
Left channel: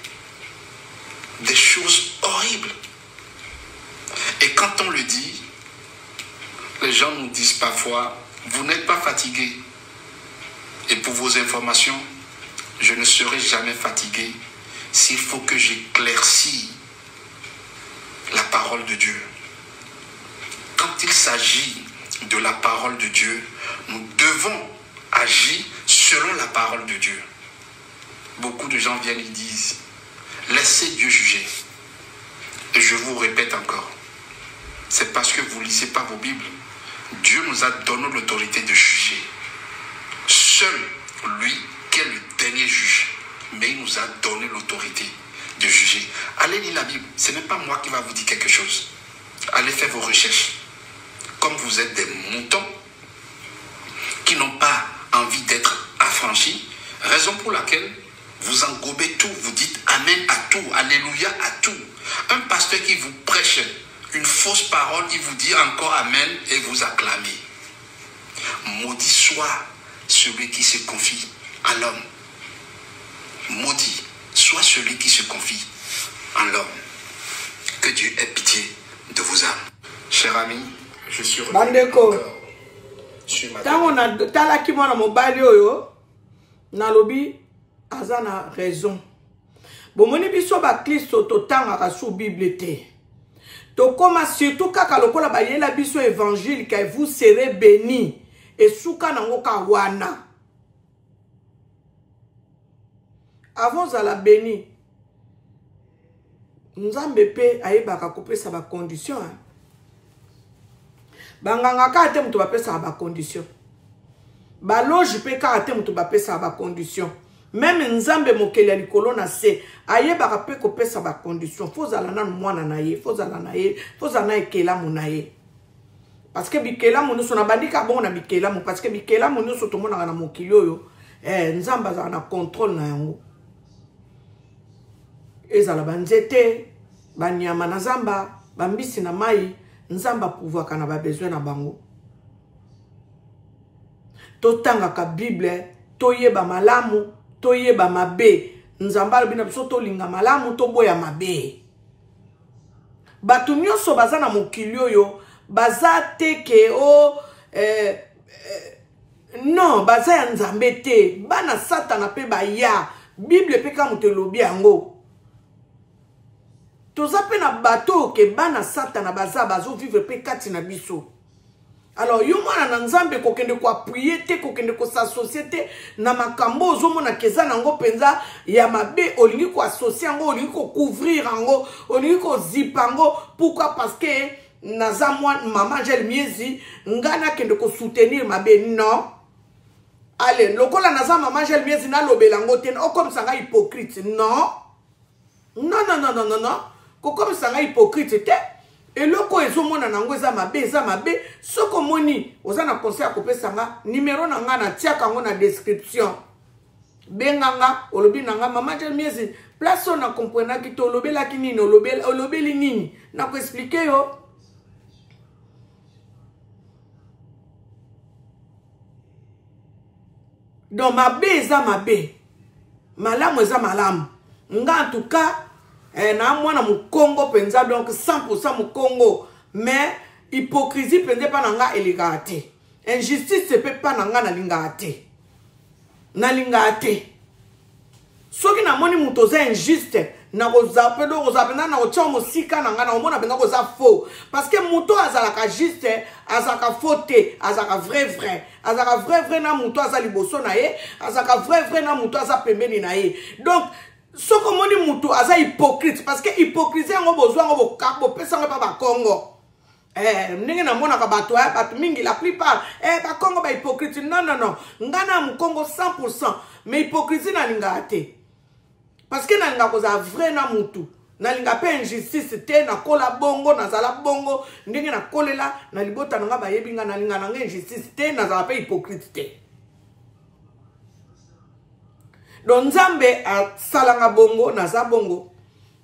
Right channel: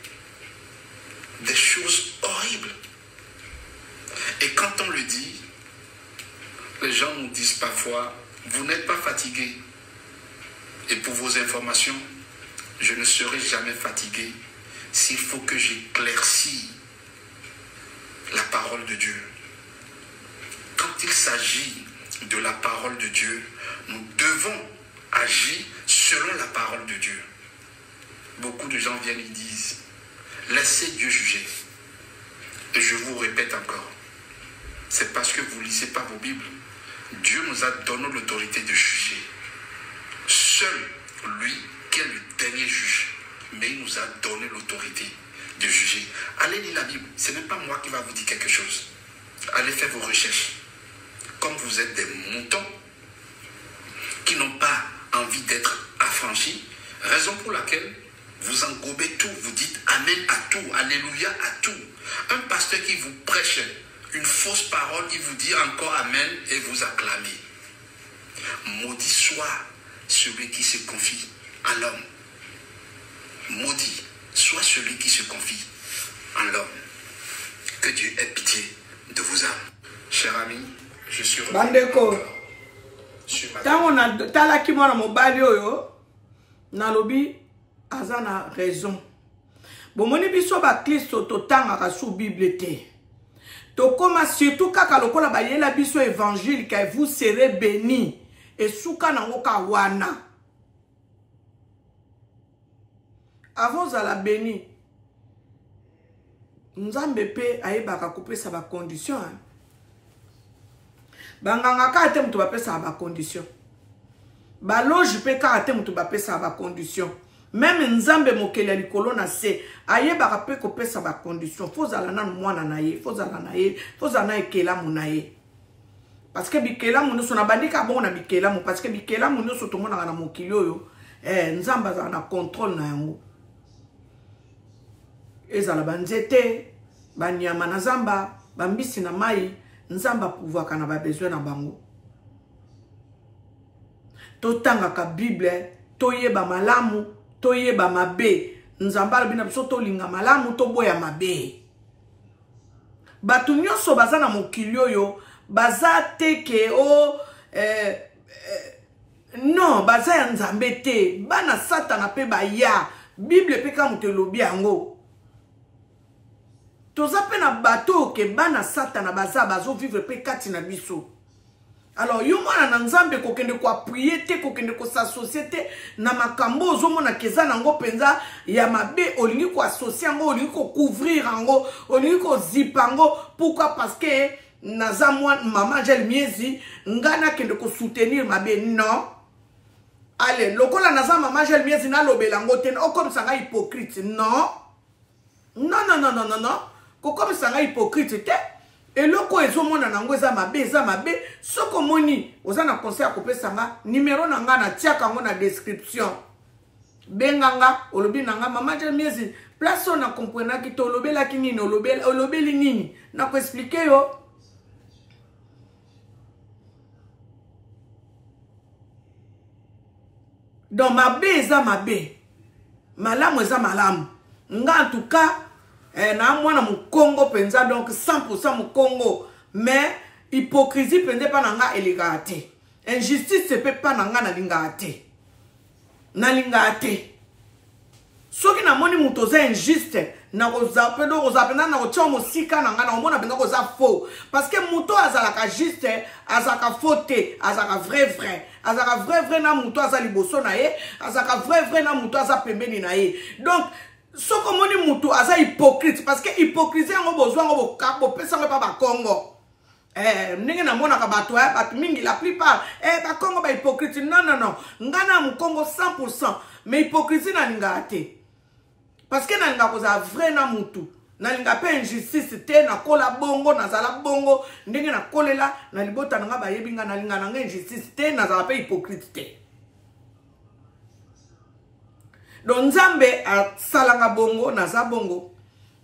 des choses horribles. Et quand on le dit, les gens nous disent parfois, vous n'êtes pas fatigué. Et pour vos informations, je ne serai jamais fatigué s'il faut que j'éclaircisse la parole de Dieu. Quand il s'agit de la parole de Dieu, nous devons agir selon la parole de Dieu. Beaucoup de gens viennent et disent, laissez Dieu juger. Et je vous répète encore, c'est parce que vous ne lisez pas vos Bibles. Dieu nous a donné l'autorité de juger. Seul lui qui est le dernier juge, mais il nous a donné l'autorité de juger. Allez lire la Bible, ce n'est pas moi qui va vous dire quelque chose. Allez faire vos recherches. Comme vous êtes des moutons qui n'ont pas envie d'être affranchis, raison pour laquelle vous englobez tout, vous dites Amen à tout, Alléluia à tout. Un pasteur qui vous prêche une fausse parole, il vous dit encore Amen et vous acclamez. Maudit soit celui qui se confie à l'homme. Maudit soit celui qui se confie en l'homme. Que Dieu ait pitié de vos âmes. Cher ami, je suis revenu. Bandeko, tant on a talaki mwana mobali oyo, na lobi azana raison. Bomoni biso ba Kristo to tanga sous Bible te. To koma surtout kaka lokola ba yela biso évangile que vous serez bénis et souka nango ka wana. Avant à la béni. Nzambe pe ayebaka kopesa ba condition. Banganga ka ate mutu ba pesa ba condition. Ba loge pe ka ate mutu ba pesa ba condition. Même nzambe mokeli likolo na se ayebaka pe kopesa ba condition. Fozala na mwana na ye, fozala na ye, fozala na ekela mona ye. Parce que bikela mona so na bandika bon na bikela mo parce que bikela mona so to mona na mokili oyo nzamba za na contrôle na yango. Ezala banzete, banyama na zamba, bambisi na mai, nzamba pouvoir na ba besoin na bango. Totanga ka Bible, toyeba malamu, toyeba mabe, nzamba bina biso to linga malamu, to boya mabe. Batu nyonso baza na mokili oyo, baza teke o non, baza ya nzambe te, bana satana pe baya, Bible pe ka mutelobi yango. Toza pe na bateau ke bana satana baza bazo vivre pe kati na biso. Alors yo mwana na nzambe kokende ko appuyer te, kokende ko s'associer te na makambo ozomona keza nango penza ya mabe, olingi ko associer ngo, olingi ko couvrir ngo, olingi ko zipango. Pourquoi? Parce que naza mwana maman Angel Miezi ngana kende ko soutenir mabe. Non. Allez, lokola naza maman Angel Miezi na lobela ngo te, o comme ça nga hypocrite. Non. Non non non non non non. Comme ça nga hypocrite te. Et loko ezomona nango eza mabe, soko moni oza na conseil a kopesa nga numéro na nga na tia kango na description. Benganga olobi nanga maman Angel Miezi place on a comprendre ki to lobela ki nini olobeli nini na ko expliquer yo. Donc mabe eza mabe, malamu eza malamu. Nga en tout cas na mwana mukongo penza, donc 100% mukongo, mais hypocrisie penza pa nanga eligate. Injustice se peut pas nanga na lingate. Na lingate. Soki na moni muto za injuste, na gozape do gozape na ocha musika nanga na omona bena goza faux. Parce que muto azalaka juste, azaka faute, azaka vrai. Azaka vrai na muto azali boso na ye, azaka vrai na muto aza pembeni na ye. Donc so comme on dit mutu aza hypocrite parce que hypocrisie ngo besoin ngo bo pesa ngo pa ba Congo ndenge na mona ka bato ya bato mingi la plupart ba Congo ba hypocrite. Non ngana mu Congo 100%, mais hypocrisie na linga te parce que na linga ko za vrai na mutu na linga pe injustice te na kola bongo na zala bongo ndenge na kolela na libota nga ba yebinga na linga na injustice te na zala pe hypocrite te. donc nzambe asalanga bongo naza bongo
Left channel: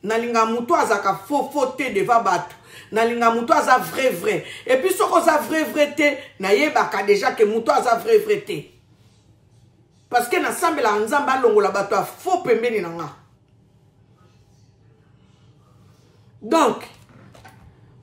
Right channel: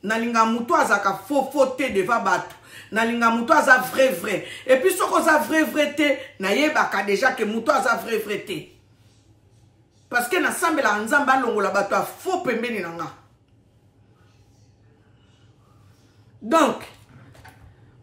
nalinga mutu azaka faux te devant bato nalinga mutu aza vrai et puis soko za vrai te nayebaka déjà que mutu aza vrai te parce que nasambela nzambe alongola bato a faux pembeni nanga. Donc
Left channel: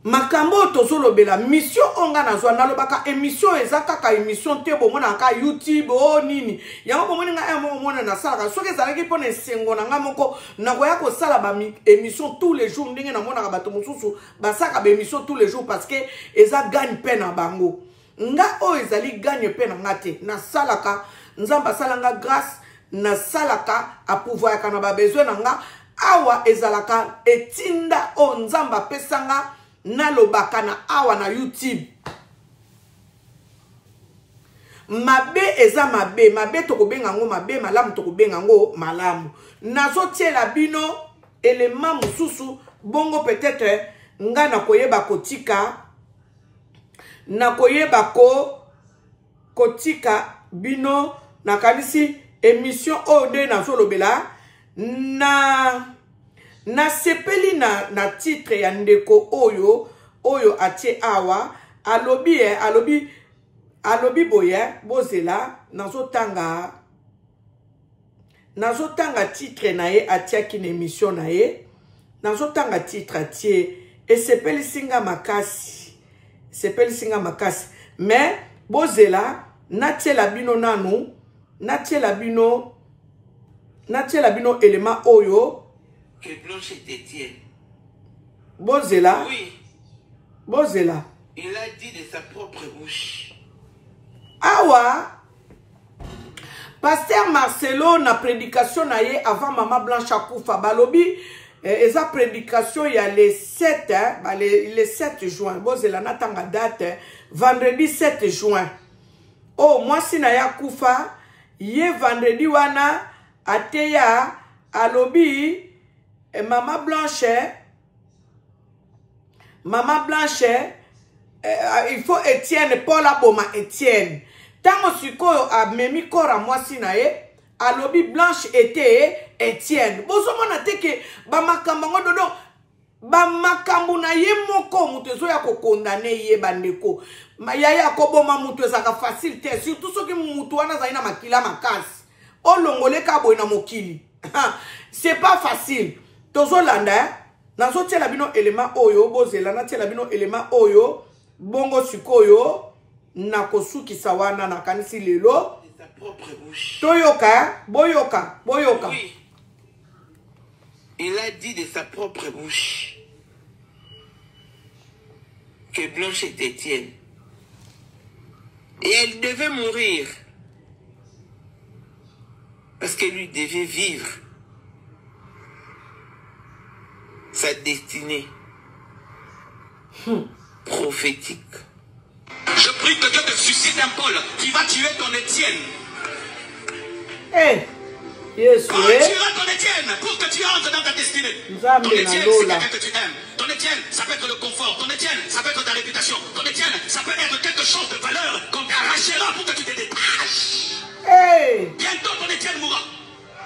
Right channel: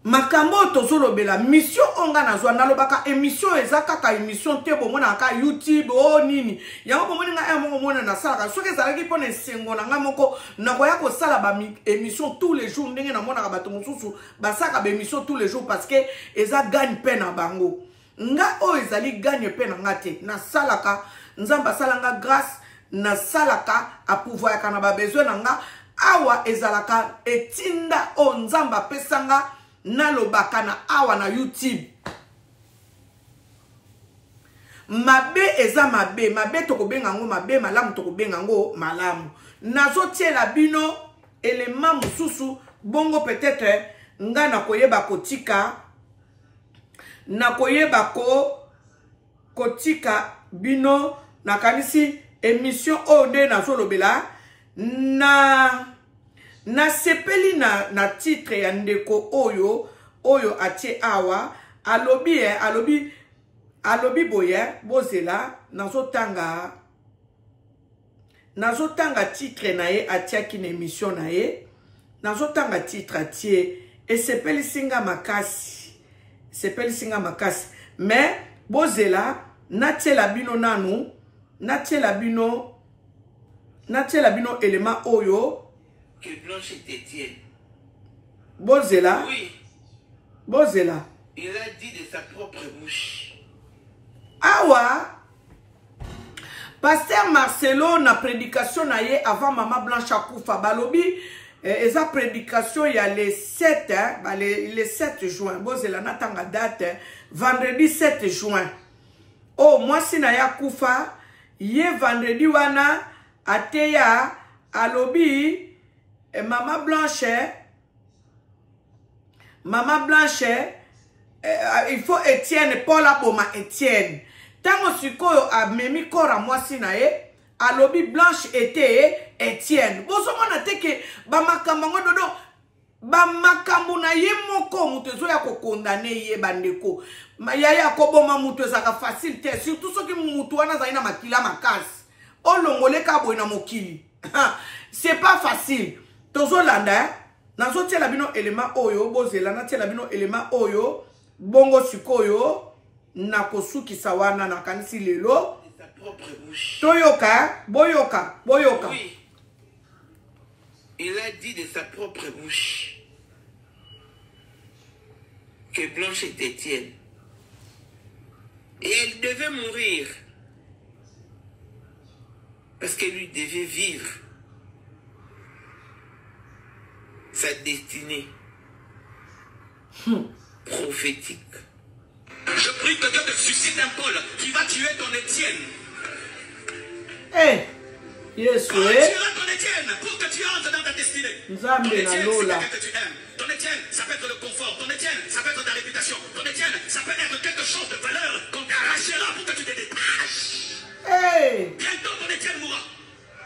makambo tozolobela mission onga nazwa nalobaka émission eza kaka émission te bomona ka YouTube o nini yango bomoni nga mona nasalaka soki ezalaki mpona esengo na nga moko nakoya kosala ba émission tous les jours ndenge namonaka bato mosusu basaka ba émission tous les jours parce que eza gagne pe na bango nga o ezali gagne pe na nga te nasalaka nzamba asalanga grâce nasalaka apouvoir kana ba besoin na nga awa ezalaka etinda o nzamba pesanga nalobaka na awa na YouTube mabe eza mabe tokobenga ngo mabe malamu tokobenga ngo malamu nazotiela bino élément mususu bongo peut-être nga nakoyeba kotika nakoyeba kotika bino nakanisi émission ode nazolobela na sepeli na titre ya ndeko oyo atie awa alobi boye bozela nazotanga titre na ye atiaki na émission na ye nazotanga titre atie esepeli singa makasi mais bozela natiela bino nanu natiela bino élément oyo que Blanche Etienne. Bozela. Oui. Bozela. Il a dit de sa propre bouche. Awa. Pasteur Marcelo na prédication na ye avant Maman Blanche Akoufa balobi eza prédication il y a les 7 les 7 juin. Bozela natanga date vendredi 7 juin. Oh moi si na ya Koufa ye vendredi wana ateya alobi Maman Blanche, il faut Etienne, Paul Aboma Etienne. Tango sikoyo a memi kora mwasi na ye, alobi Blanche était Etienne. Bozo mona teke, ba makambo dodo, ba makambo na ye moko mutezo ya ko condamné ye bandeko. Yaya koboma mutu ezaka facile te, surtout soki mutu wana zaina makila makasi. Olongole ka boy na mokili. C'est pas facile. Tozo landa, nazo tiela bino élément oyo, bozela na tiela bino élément oyo, bongo sikoyo, nakosuki sawana na kanisi lelo. De sa propre bouche. Toyoka, boyoka. Oui. Il a dit de sa propre bouche que Blanche est Etienne. Et elle devait mourir. Parce qu'elle lui devait vivre sa destinée prophétique. Je prie que Dieu te suscite un Paul qui va tuer ton Étienne. Eh, yes, On tuera ton Étienne pour que tu entres dans ta destinée. Ton Étienne, c'est quelqu'un que tu aimes. Ton Étienne, ça peut être le confort. Ton Étienne, ça peut être ta réputation. Ton Étienne, ça peut être quelque chose de valeur qu'on t'arrachera pour que tu te détaches. Hey. Bientôt ton Étienne mourra.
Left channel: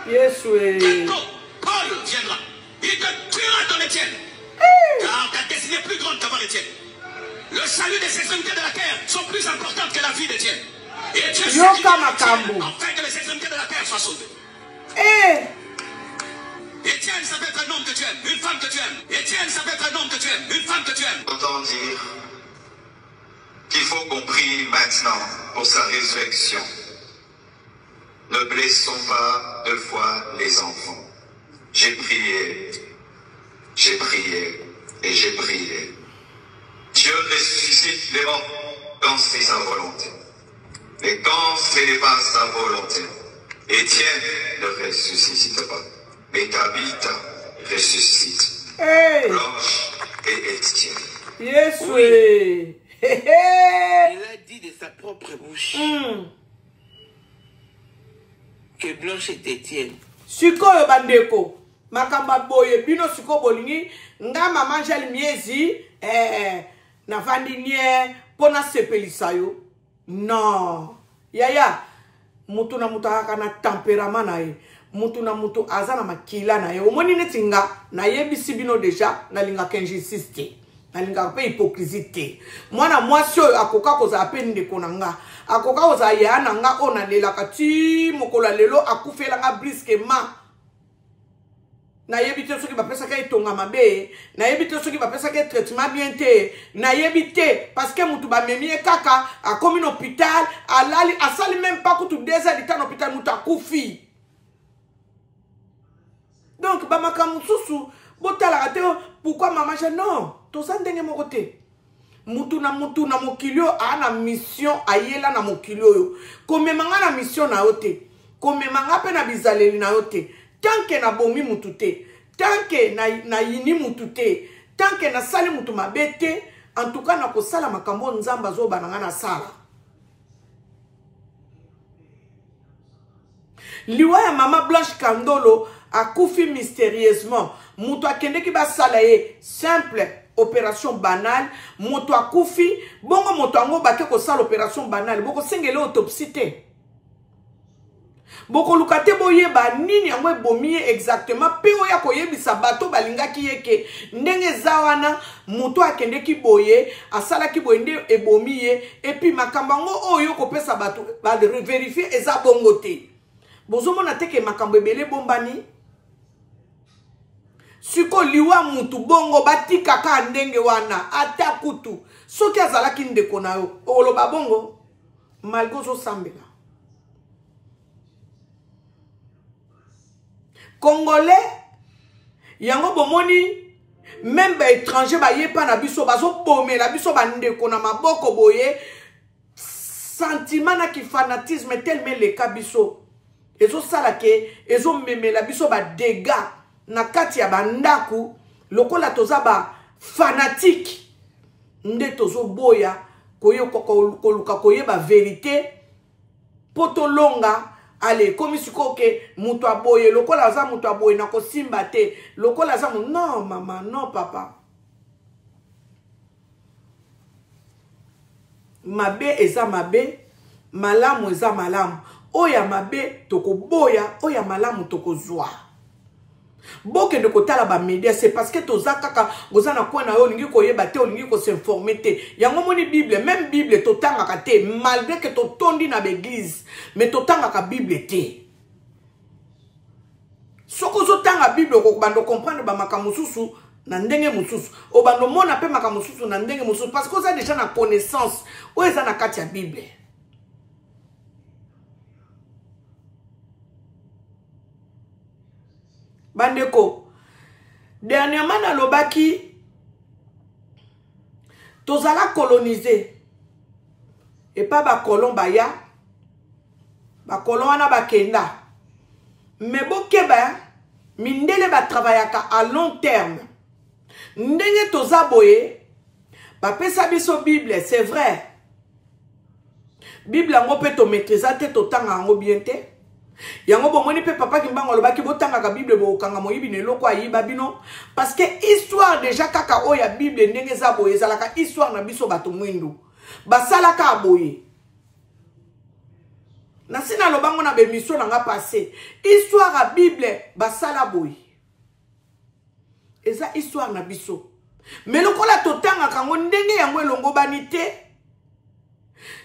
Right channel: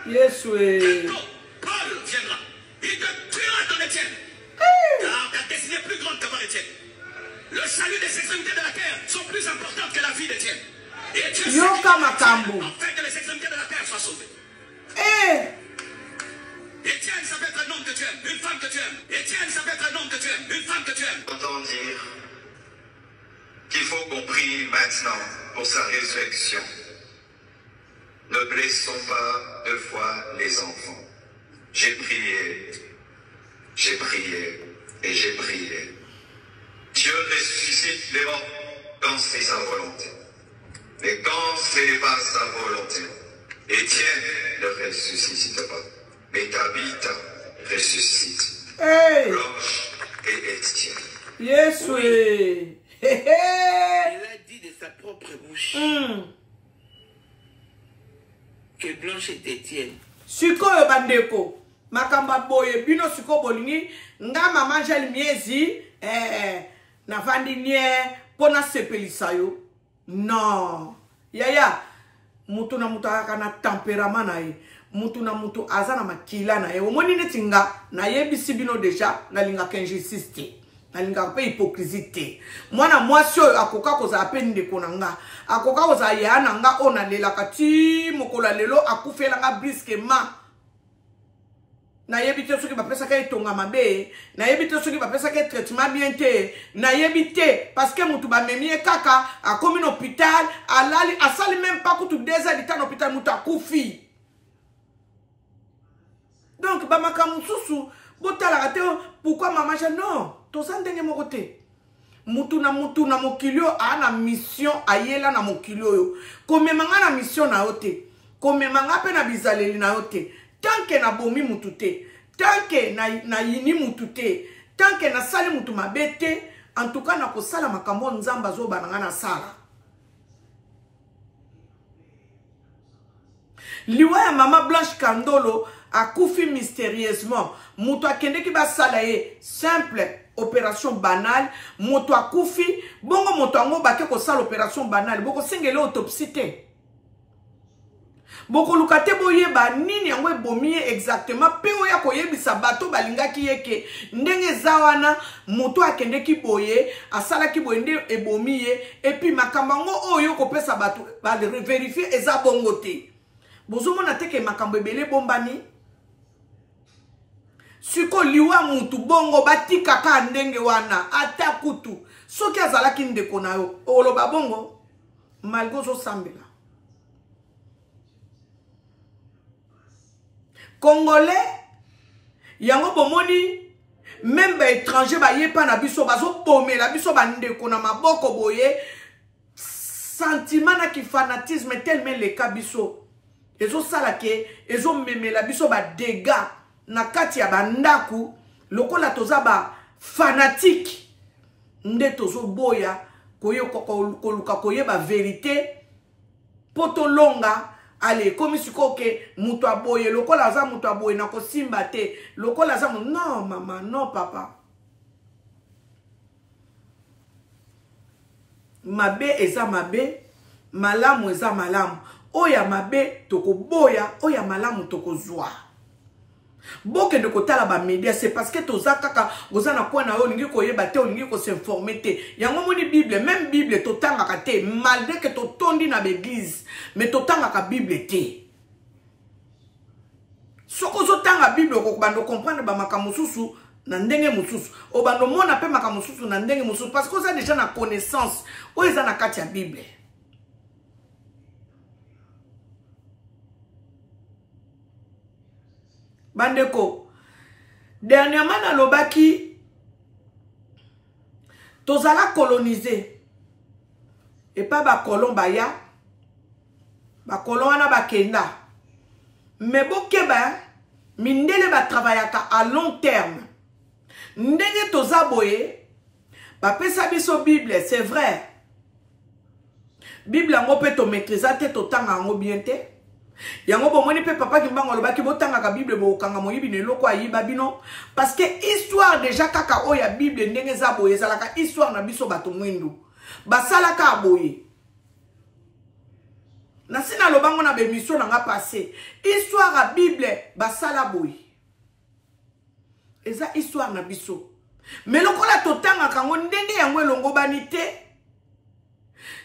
Yes, oui. Bientôt, Paul viendra. Il te tuera ton Étienne. Car ta destinée est plus grande qu'avoir Étienne. Le salut des extrémités de la terre sont plus importantes que la vie d'Étienne. Et Dieu s'est afin que les extrémités de la terre soient sauvées. Étienne, ça peut être un homme que tu aimes, une femme que tu aimes. Étienne, ça peut être un homme que tu aimes, une femme que tu aimes. Autant dire qu'il faut qu'on prie maintenant pour sa résurrection. Ne blessons pas deux fois les enfants. J'ai prié et j'ai prié. Dieu ressuscite les morts quand c'est sa volonté. Mais quand ce n'est pas sa volonté, Étienne ne ressuscite pas. Mais Tabitha ressuscite. Hey. Blanche et Étienne. Yes, oui. Il a dit de sa propre bouche que Blanche est Étienne. Sikoyo bandeko. Makamba boye bino siko bolingi. Nga mama jeli miezi. Na vandi nye. Pona sepelisa yo. Non. Yaya. Mutu na mutu haka na temperament na ye. mutu na mutu azana makila na ye omoni neti nga na yebisi bino deja na linga kenjisiste na linga pe hypocrisie mwana mwasi oyo akoka kozala pe ndeko na nga akoka kozala ya na nga o na lelaka ti mokola lelo akufela nga brusquement na yebite soki bapesa ka etonga mabe na yebite soki bapesa ka traitement bien te na yebite parce que mutu ba memi kaka akomi na hôpital alali asali même pas kutu 2 heures de temps na hôpital mutu akufi donc ba makamu susu botala kate pourquoi maman je non to sandenge moko te mutu na mokilio ana mission ayela na mokilio yo komemanga na mission na yote komemanga pe na bizaleli na yote tant que na bomi mutu te tant que na yini mutu te tant que na sali mutu mabete en tout cas na ko sala makambo nzamba zo bananga na sala liwa ya mama Blanche Kandolo akufi mystérieusement mutu akende ki ba sala ye simple opération banale mutu akufi bongo mutu ango bake ko sala opération banale boko sengele autopsie te boko lukate boyeba nini yango ebomi exactement pe oya koyebisa bato balingaki yeke ndenge zawana mutu akende ki boye asala ki boye nde ebomi ye epi makambo ngo oyo kopesa bato ba vérifier eza bongo te bozomona teke makambo ebele bombani siko liwa mutu bongo batika ka ndenge wana ata kutu soki azalaki ndeko na yo oloba bongo malgo zo sambela Congolais yango bomoni même ba étranger ba yepa na biso bazo bomela biso bandeko na maboko boye sentiment na ki fanatisme tellement le kabiso ezo sala ke ezo memela biso ba dégâts na kati ya bandaku lokola toza ba fanatique nde tozo boya koluka koyeba vérité poto longa ale komi sikoke mutu aboye lokola aza mutu aboye na kosimba te lokola aza non mama non papa mabe eza mabe malamu eza malamu oya mabe tokoboya oya malamu tokozwa boke de kotala ba media c'est parce que toza kaka goza na kwa na yo lingi koyeba te lingi ko s'informer te yango moni bible même bible totanga ka te malgré que totondi na l'église mais totanga ka bible te soko zo tanga bible ko bando comprendre ba makambo susu na ndenge mususu o bando mona pe makambo susu na ndenge mususu parce que ça déjà na connaissance o eza na kati ya bible bandeko dernièrement na lobaki tozala coloniser et pas ba colon baya ba colon wana bakenda mais bokeba mindele ba travaillaka à long terme ndenge tozaboye ba pesa biso bible c'est vrai bible ngo pe to maîtriser te to tanga ngo bien te yango bomoni pe papa kimbango lobaki botanga ka bible bokanga moyibi ne loko ayiba bino parce que histoire déjà kaka oya bible ndenge za boye zalaka histoire na biso bato mwindu basala ka boye na sina lobango na bemission nga passé histoire a bible basala boye eza histoire na biso mais lokola totanga kango ndenge yango elongo banite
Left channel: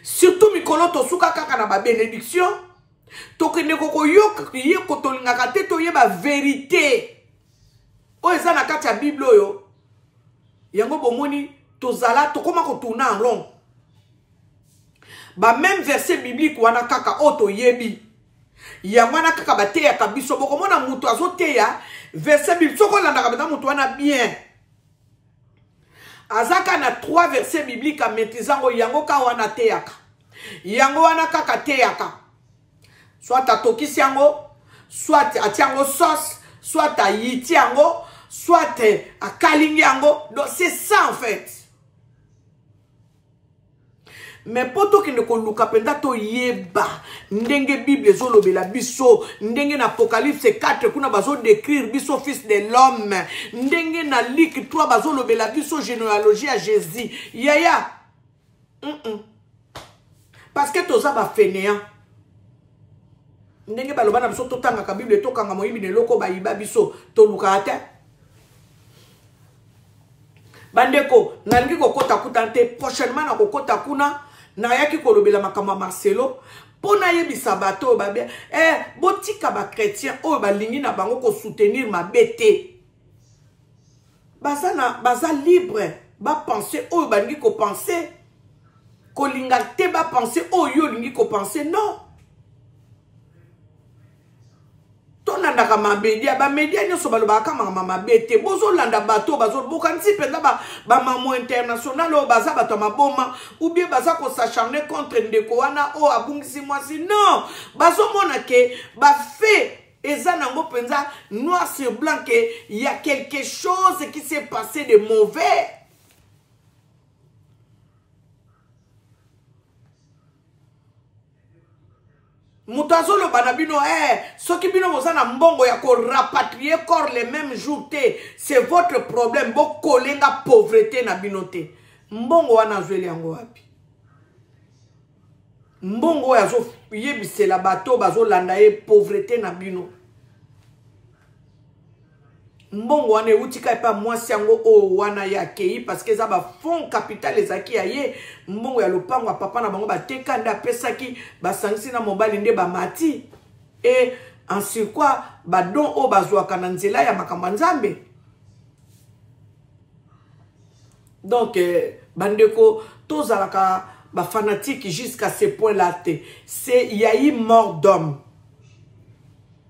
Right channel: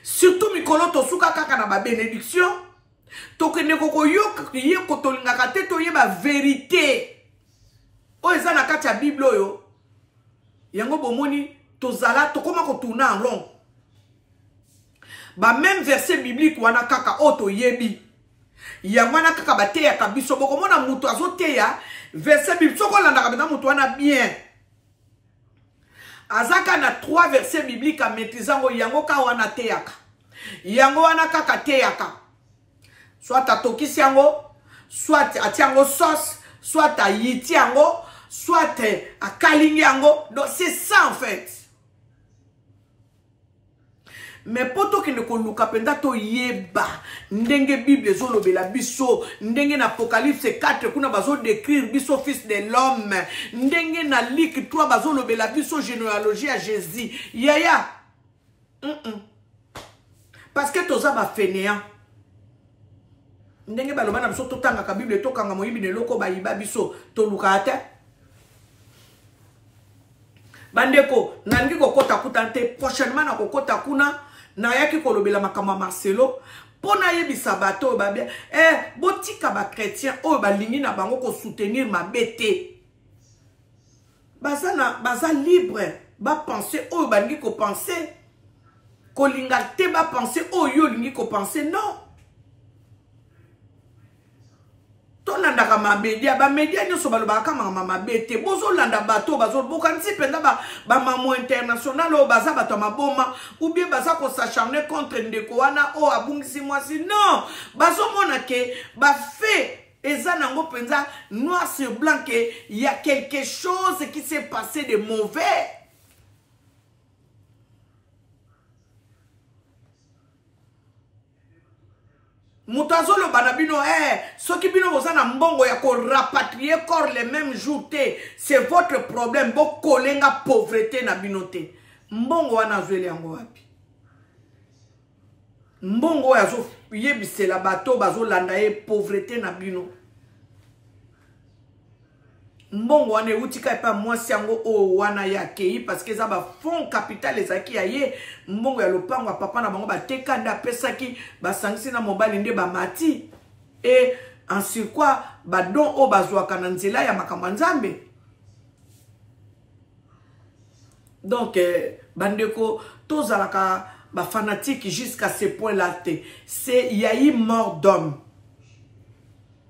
surtout mikolo to suka kaka na ba bénédiction tokende koko yoka ye kotolinga kate to yeba vérité o eza na kati ya bible oyo yango bomoni tozala tokoma kotuna en long ba même verset biblique wana kaka oto yebi yango wana kaka bateya kabiso bokomona mutu azoteya verset biblique soko landa kabenda mutu wana bien azaka na 3 versets bibliques a maîtrisant yango ka wana teyaka yango wana kaka teyaka soit atokisi yango soit atiango sauce soit ayiti yango soit akalingi yango donc c'est ça en fait mais poto kende ko luka penda to yeba ndenge bible zolobela biso ndenge na apocalypse 4 kuna bazo décrire biso fils de l'homme ndenge na Luc 3 bazo lobela biso généalogie à Jésus yaya parce que toza ba fainéant ndenge baloba na biso totanga ka Bible tokanga moyibi ne loko ba yiba biso to lukate bandeko nangi kokota kutante prochainement na kokota kuna na yaki kolobela makamba Marcelo pona yebisa bato babia botika ba chrétien o balingi na bango ko soutenir ma bete baza libre ba penser o bangi ko penser ko lingate ba penser o yo lingi ko penser non tolanda ka mamedia ba media nyoso baloba ka mama bete bozo landa bato bazo bokanti penda ba mamo international o baza bato maboma ou bien baza ko s'acharner contre ndeko wana o abungisi mwasi non bazo mona ke ba fait eza nango penza noir sur blanc que il y a quelque chose qui s'est passé de mauvais. Moutazolo banabino soki bino bozana mbongo ya ko rapatrier corps les mêmes jours te c'est votre problème bo kolenga pauvreté na binote mbongo wana zweli yango wapi mbongo yazo yebisela bato bazo landa ye pauvreté na bino mbongo wana utika pa mwasi yango o wana ya kei parce que ça ba fond capital ezaki ya ye mbongo ya lopango ya papa na bango bateka nda pesaki basangisi na mobali nde ba mati et en sur quoi ba don o bazwaka na nzela ya makambo nzambe donc bandeko tozalaka ba fanatique jusqu'à ce point là c'est il y a eu mort d'homme.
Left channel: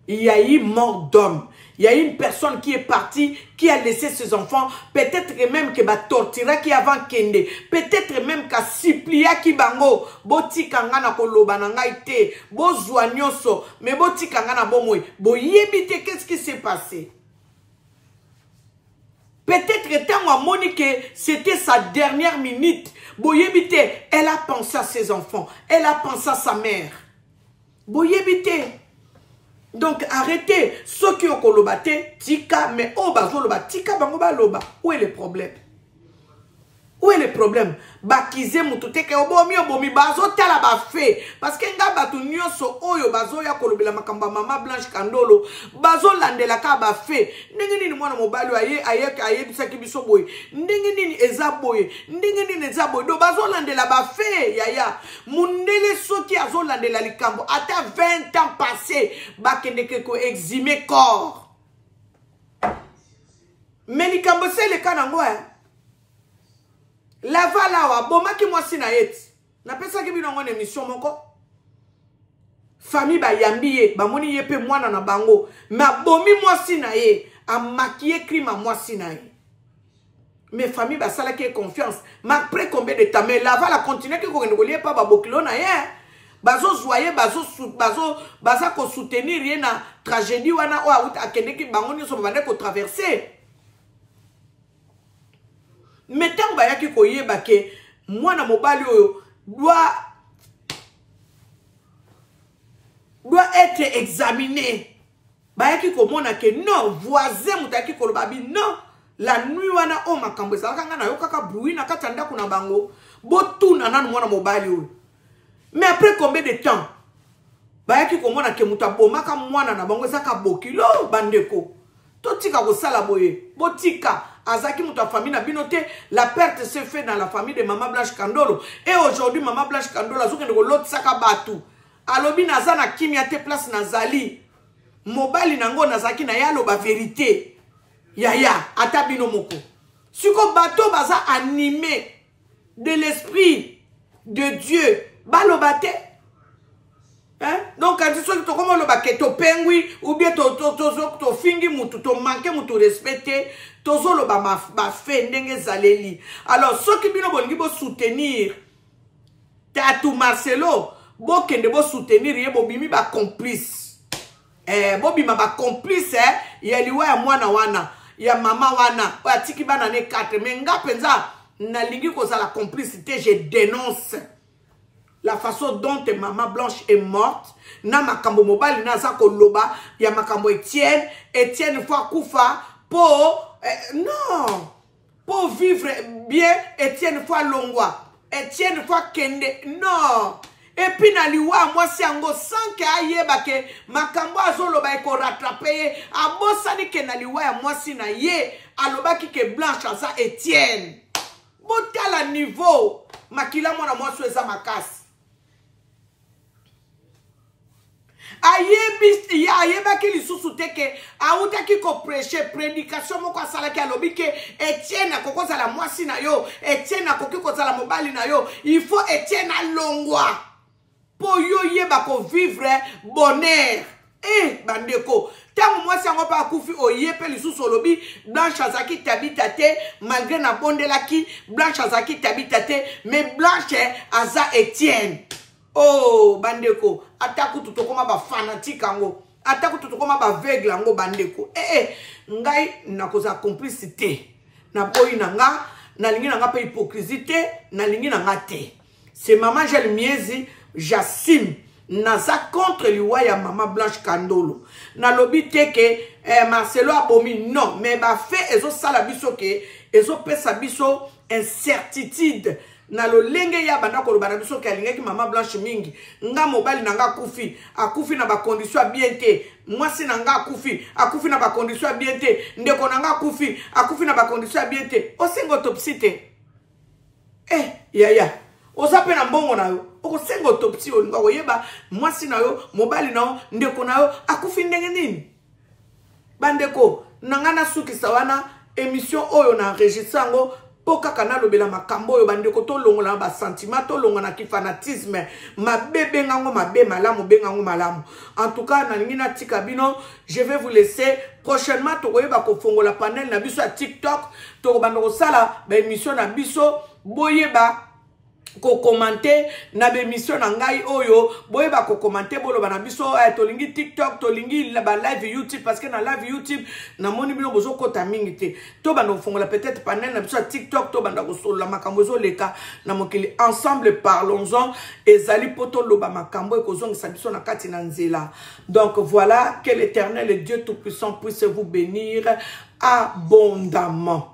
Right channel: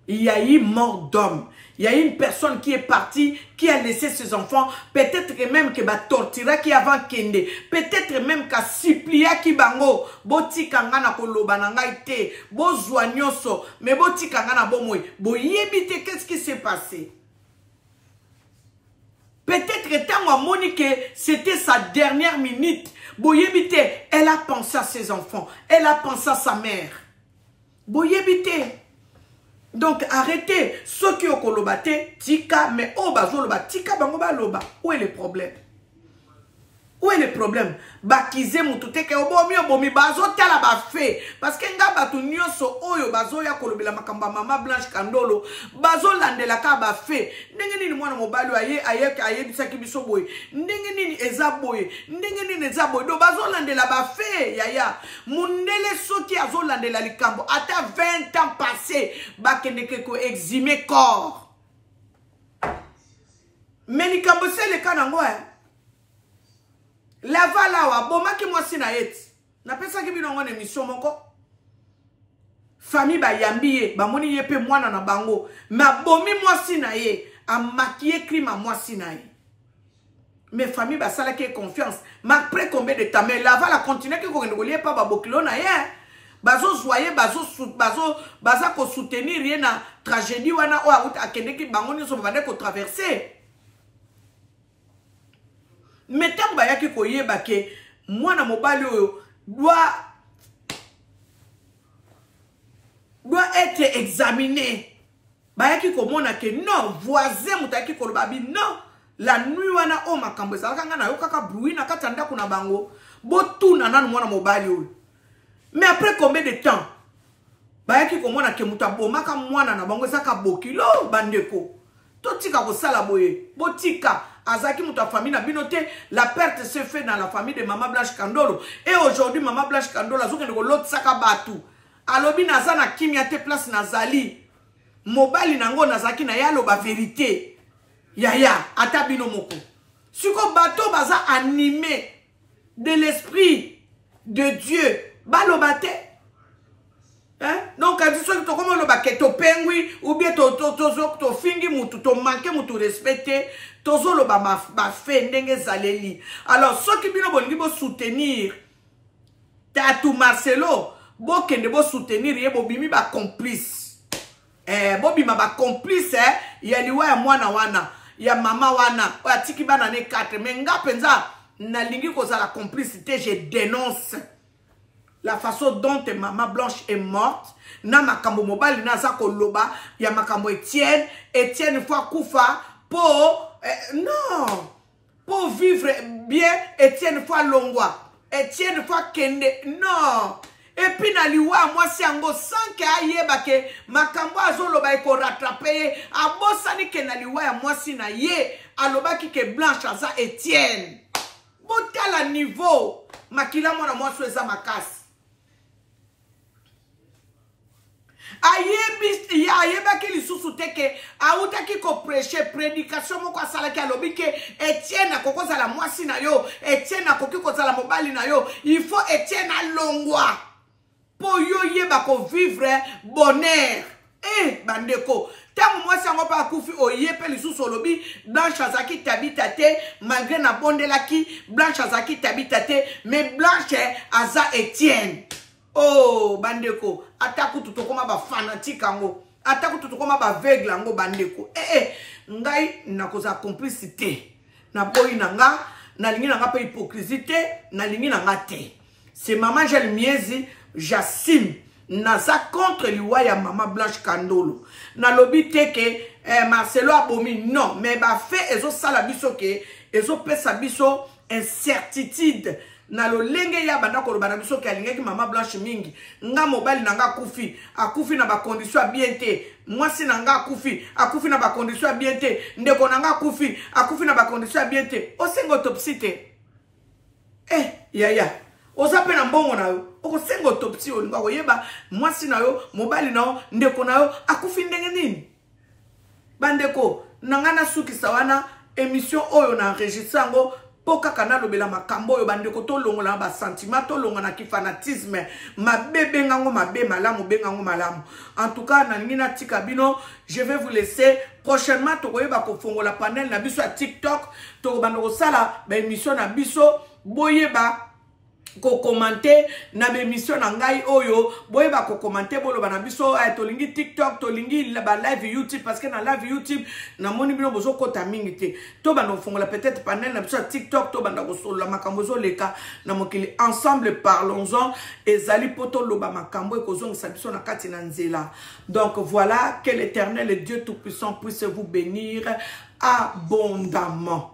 Il y a eu mort d'homme. Il y a une personne qui est partie, qui a laissé ses enfants, peut-être même que ba tortira qui avant kende, peut-être même ka suplia ki bango, boti kangana koloba na ngai te, bo zwanyoso, mais boti kangana bomoy, bo yebite qu'est-ce qui s'est passé? Peut-être tant moni que c'était sa dernière minute, bo yebite, elle a pensé à ses enfants, elle a pensé à sa mère. Bo yebite. Donc arrêtez ceux qui ont kolobate tika mais oh bazoloba tika bango baloba où est le problème? Où est le problème? Bakize mutute ke obomi bazo tala ba fait parce que nga batu nyonso oyo bazo ya kolobela makamba mama Blanche Kandolo bazo landela ka ba fait ndenge nini mwana mobali aye bisaki biso boye ndenge nini eza boye ndenge nini eza boye do bazo landela ba fait yaya mundele soki azo landela likambo ata 20 ans passé bakende ke ko eximer corps mais likambo c'est le cas nango la vala wa boma ki mwasi na yeti na pesa ki binongo ne mission moko famille ba yambiye ba moni yepe mwana na bango ma bomi mwasi na ye a maquiller crime mwasi na ye mais famille ba sala ki confiance ma après combien de temps mais la vala continuer ki ko ngolier pa ba bokilo na ye bazo zoyer baza ko soutenir ye na tragédie wana o a akende ki bango ni so ba ne ko traverser. Mais tant bayaki koyeba ke mwana mobali oyo doit être examiné. Bayaki komona ke non voisin mutaki kolobabi non la nuit wana o makambo ezalaka nga na yo kaka bruit na kati ndako na bango botuna nanu mwana mobali oyo. Mais après combien de temps bayaki komona ke mutabomaka mwana na bango ezaka bokilo bandeko totika kosala boye botika azaki muta famille na binote la perte s'est fait dans la famille de Maman Blanche Kandolo et aujourd'hui Maman Blanche Kandolo azokende ko lot saka batu alobi naza na kimia te place nazali mobali nango nazaki na yalo ba vérité yaya ata bino moko siko bato baza animé de l'esprit de Dieu balobate hein donc quand tu sois comment le baquet to pengui ou bien to fingi mutu to manquer mutu respecter tozo lo ba fait ndenge zaleli alors ceux qui bino bolingi bo soutenir Tatou Marcelo bo kende bo soutenir ye bo bimi ba complice bo bima ba complice ya liwa ya mwana wana ya mama wana o atiki bana ne 4 mais nga penza na lingi ko za la complicité je dénonce la façon dont Maman Blanche est morte na makambo mobali na za ko loba ya makambo Etienne fois kufa pour non pour vivre bien Etienne fois longwa Etienne fois kende non Et puis na liwa moi si ango sans que ayeba ke makambo azoloba eko rattraper abosani ke na liwa moi si na ye alobaki ke Blanche aza Etienne. Botala niveau makila mona moi so eza makasi. Ayebaki lisusu teke autaki ko prêcher prédication moko asalaki alobi ke Etienne akoko zala mwasi na yo, Etienne akoki ko zala mobali na yo, il faut Etienne alongwa po yo yeba ko vivre bonheur. Bandeko tango mwasi yango pa akufi oyepe lisusu olobi Blanche azaki tabita te malgré na bondelaki Blanche azaki tabita te mais Blanche aza Etienne. Oh bandeko ataku tutokoma ba fanatique ango ataku tutokoma ba aveugle ango bandeko ngai nakoza complicité na boyi nanga na lingi nanga pa hypocrisie na lingi nanga te. C'est maman Gel Miezi Jassim naza contre liwa ya maman Blanche Kandolo na lobi teke Marcelo abomi non mais ba fait ezo sala biso ke ezo pesa biso incertitude na lo lenge ya banda ko bana biso ke alinga ki maman Blanche mingi nga mobile nanga akufi na ba condition bien te mwasi nanga akufi na ba condition bien te ndeko nanga akufi na ba condition bien te osengo autopsie te yaya ozape na mbongo na yo okosenga autopsie olinga koyeba mwasi na yo mobile na yo ndeko na yo akufi ndenge nini bandeko nanga na suki sawana émission oyo na enregistre ngo poka kana lobela makambo oyo bandeko to longola ba sentiment to longola ki fanatisme mabebe ngango mabe malamu bengango malamu. En tout cas na lingi na tika bino, je vais vous laisser prochainement to koyeba ko fongola panel na biso ya TikTok to bandoko sala ba émission na biso boyeba ko commenter na émission na ngai oyo boyeba ko commenter bolo bana biso to lingi TikTok to lingi ba live YouTube parce que na live YouTube na moni bino bozo kota mingi te to bando fongola peut-être panel na biso TikTok to banda ko solo makambo zo leka na mokili ensemble parlons-en ezali poto loba makambo e kozongisa biso na kati na nzela. Donc voilà, que l'Éternel et Dieu tout puissant puisse vous bénir abondamment.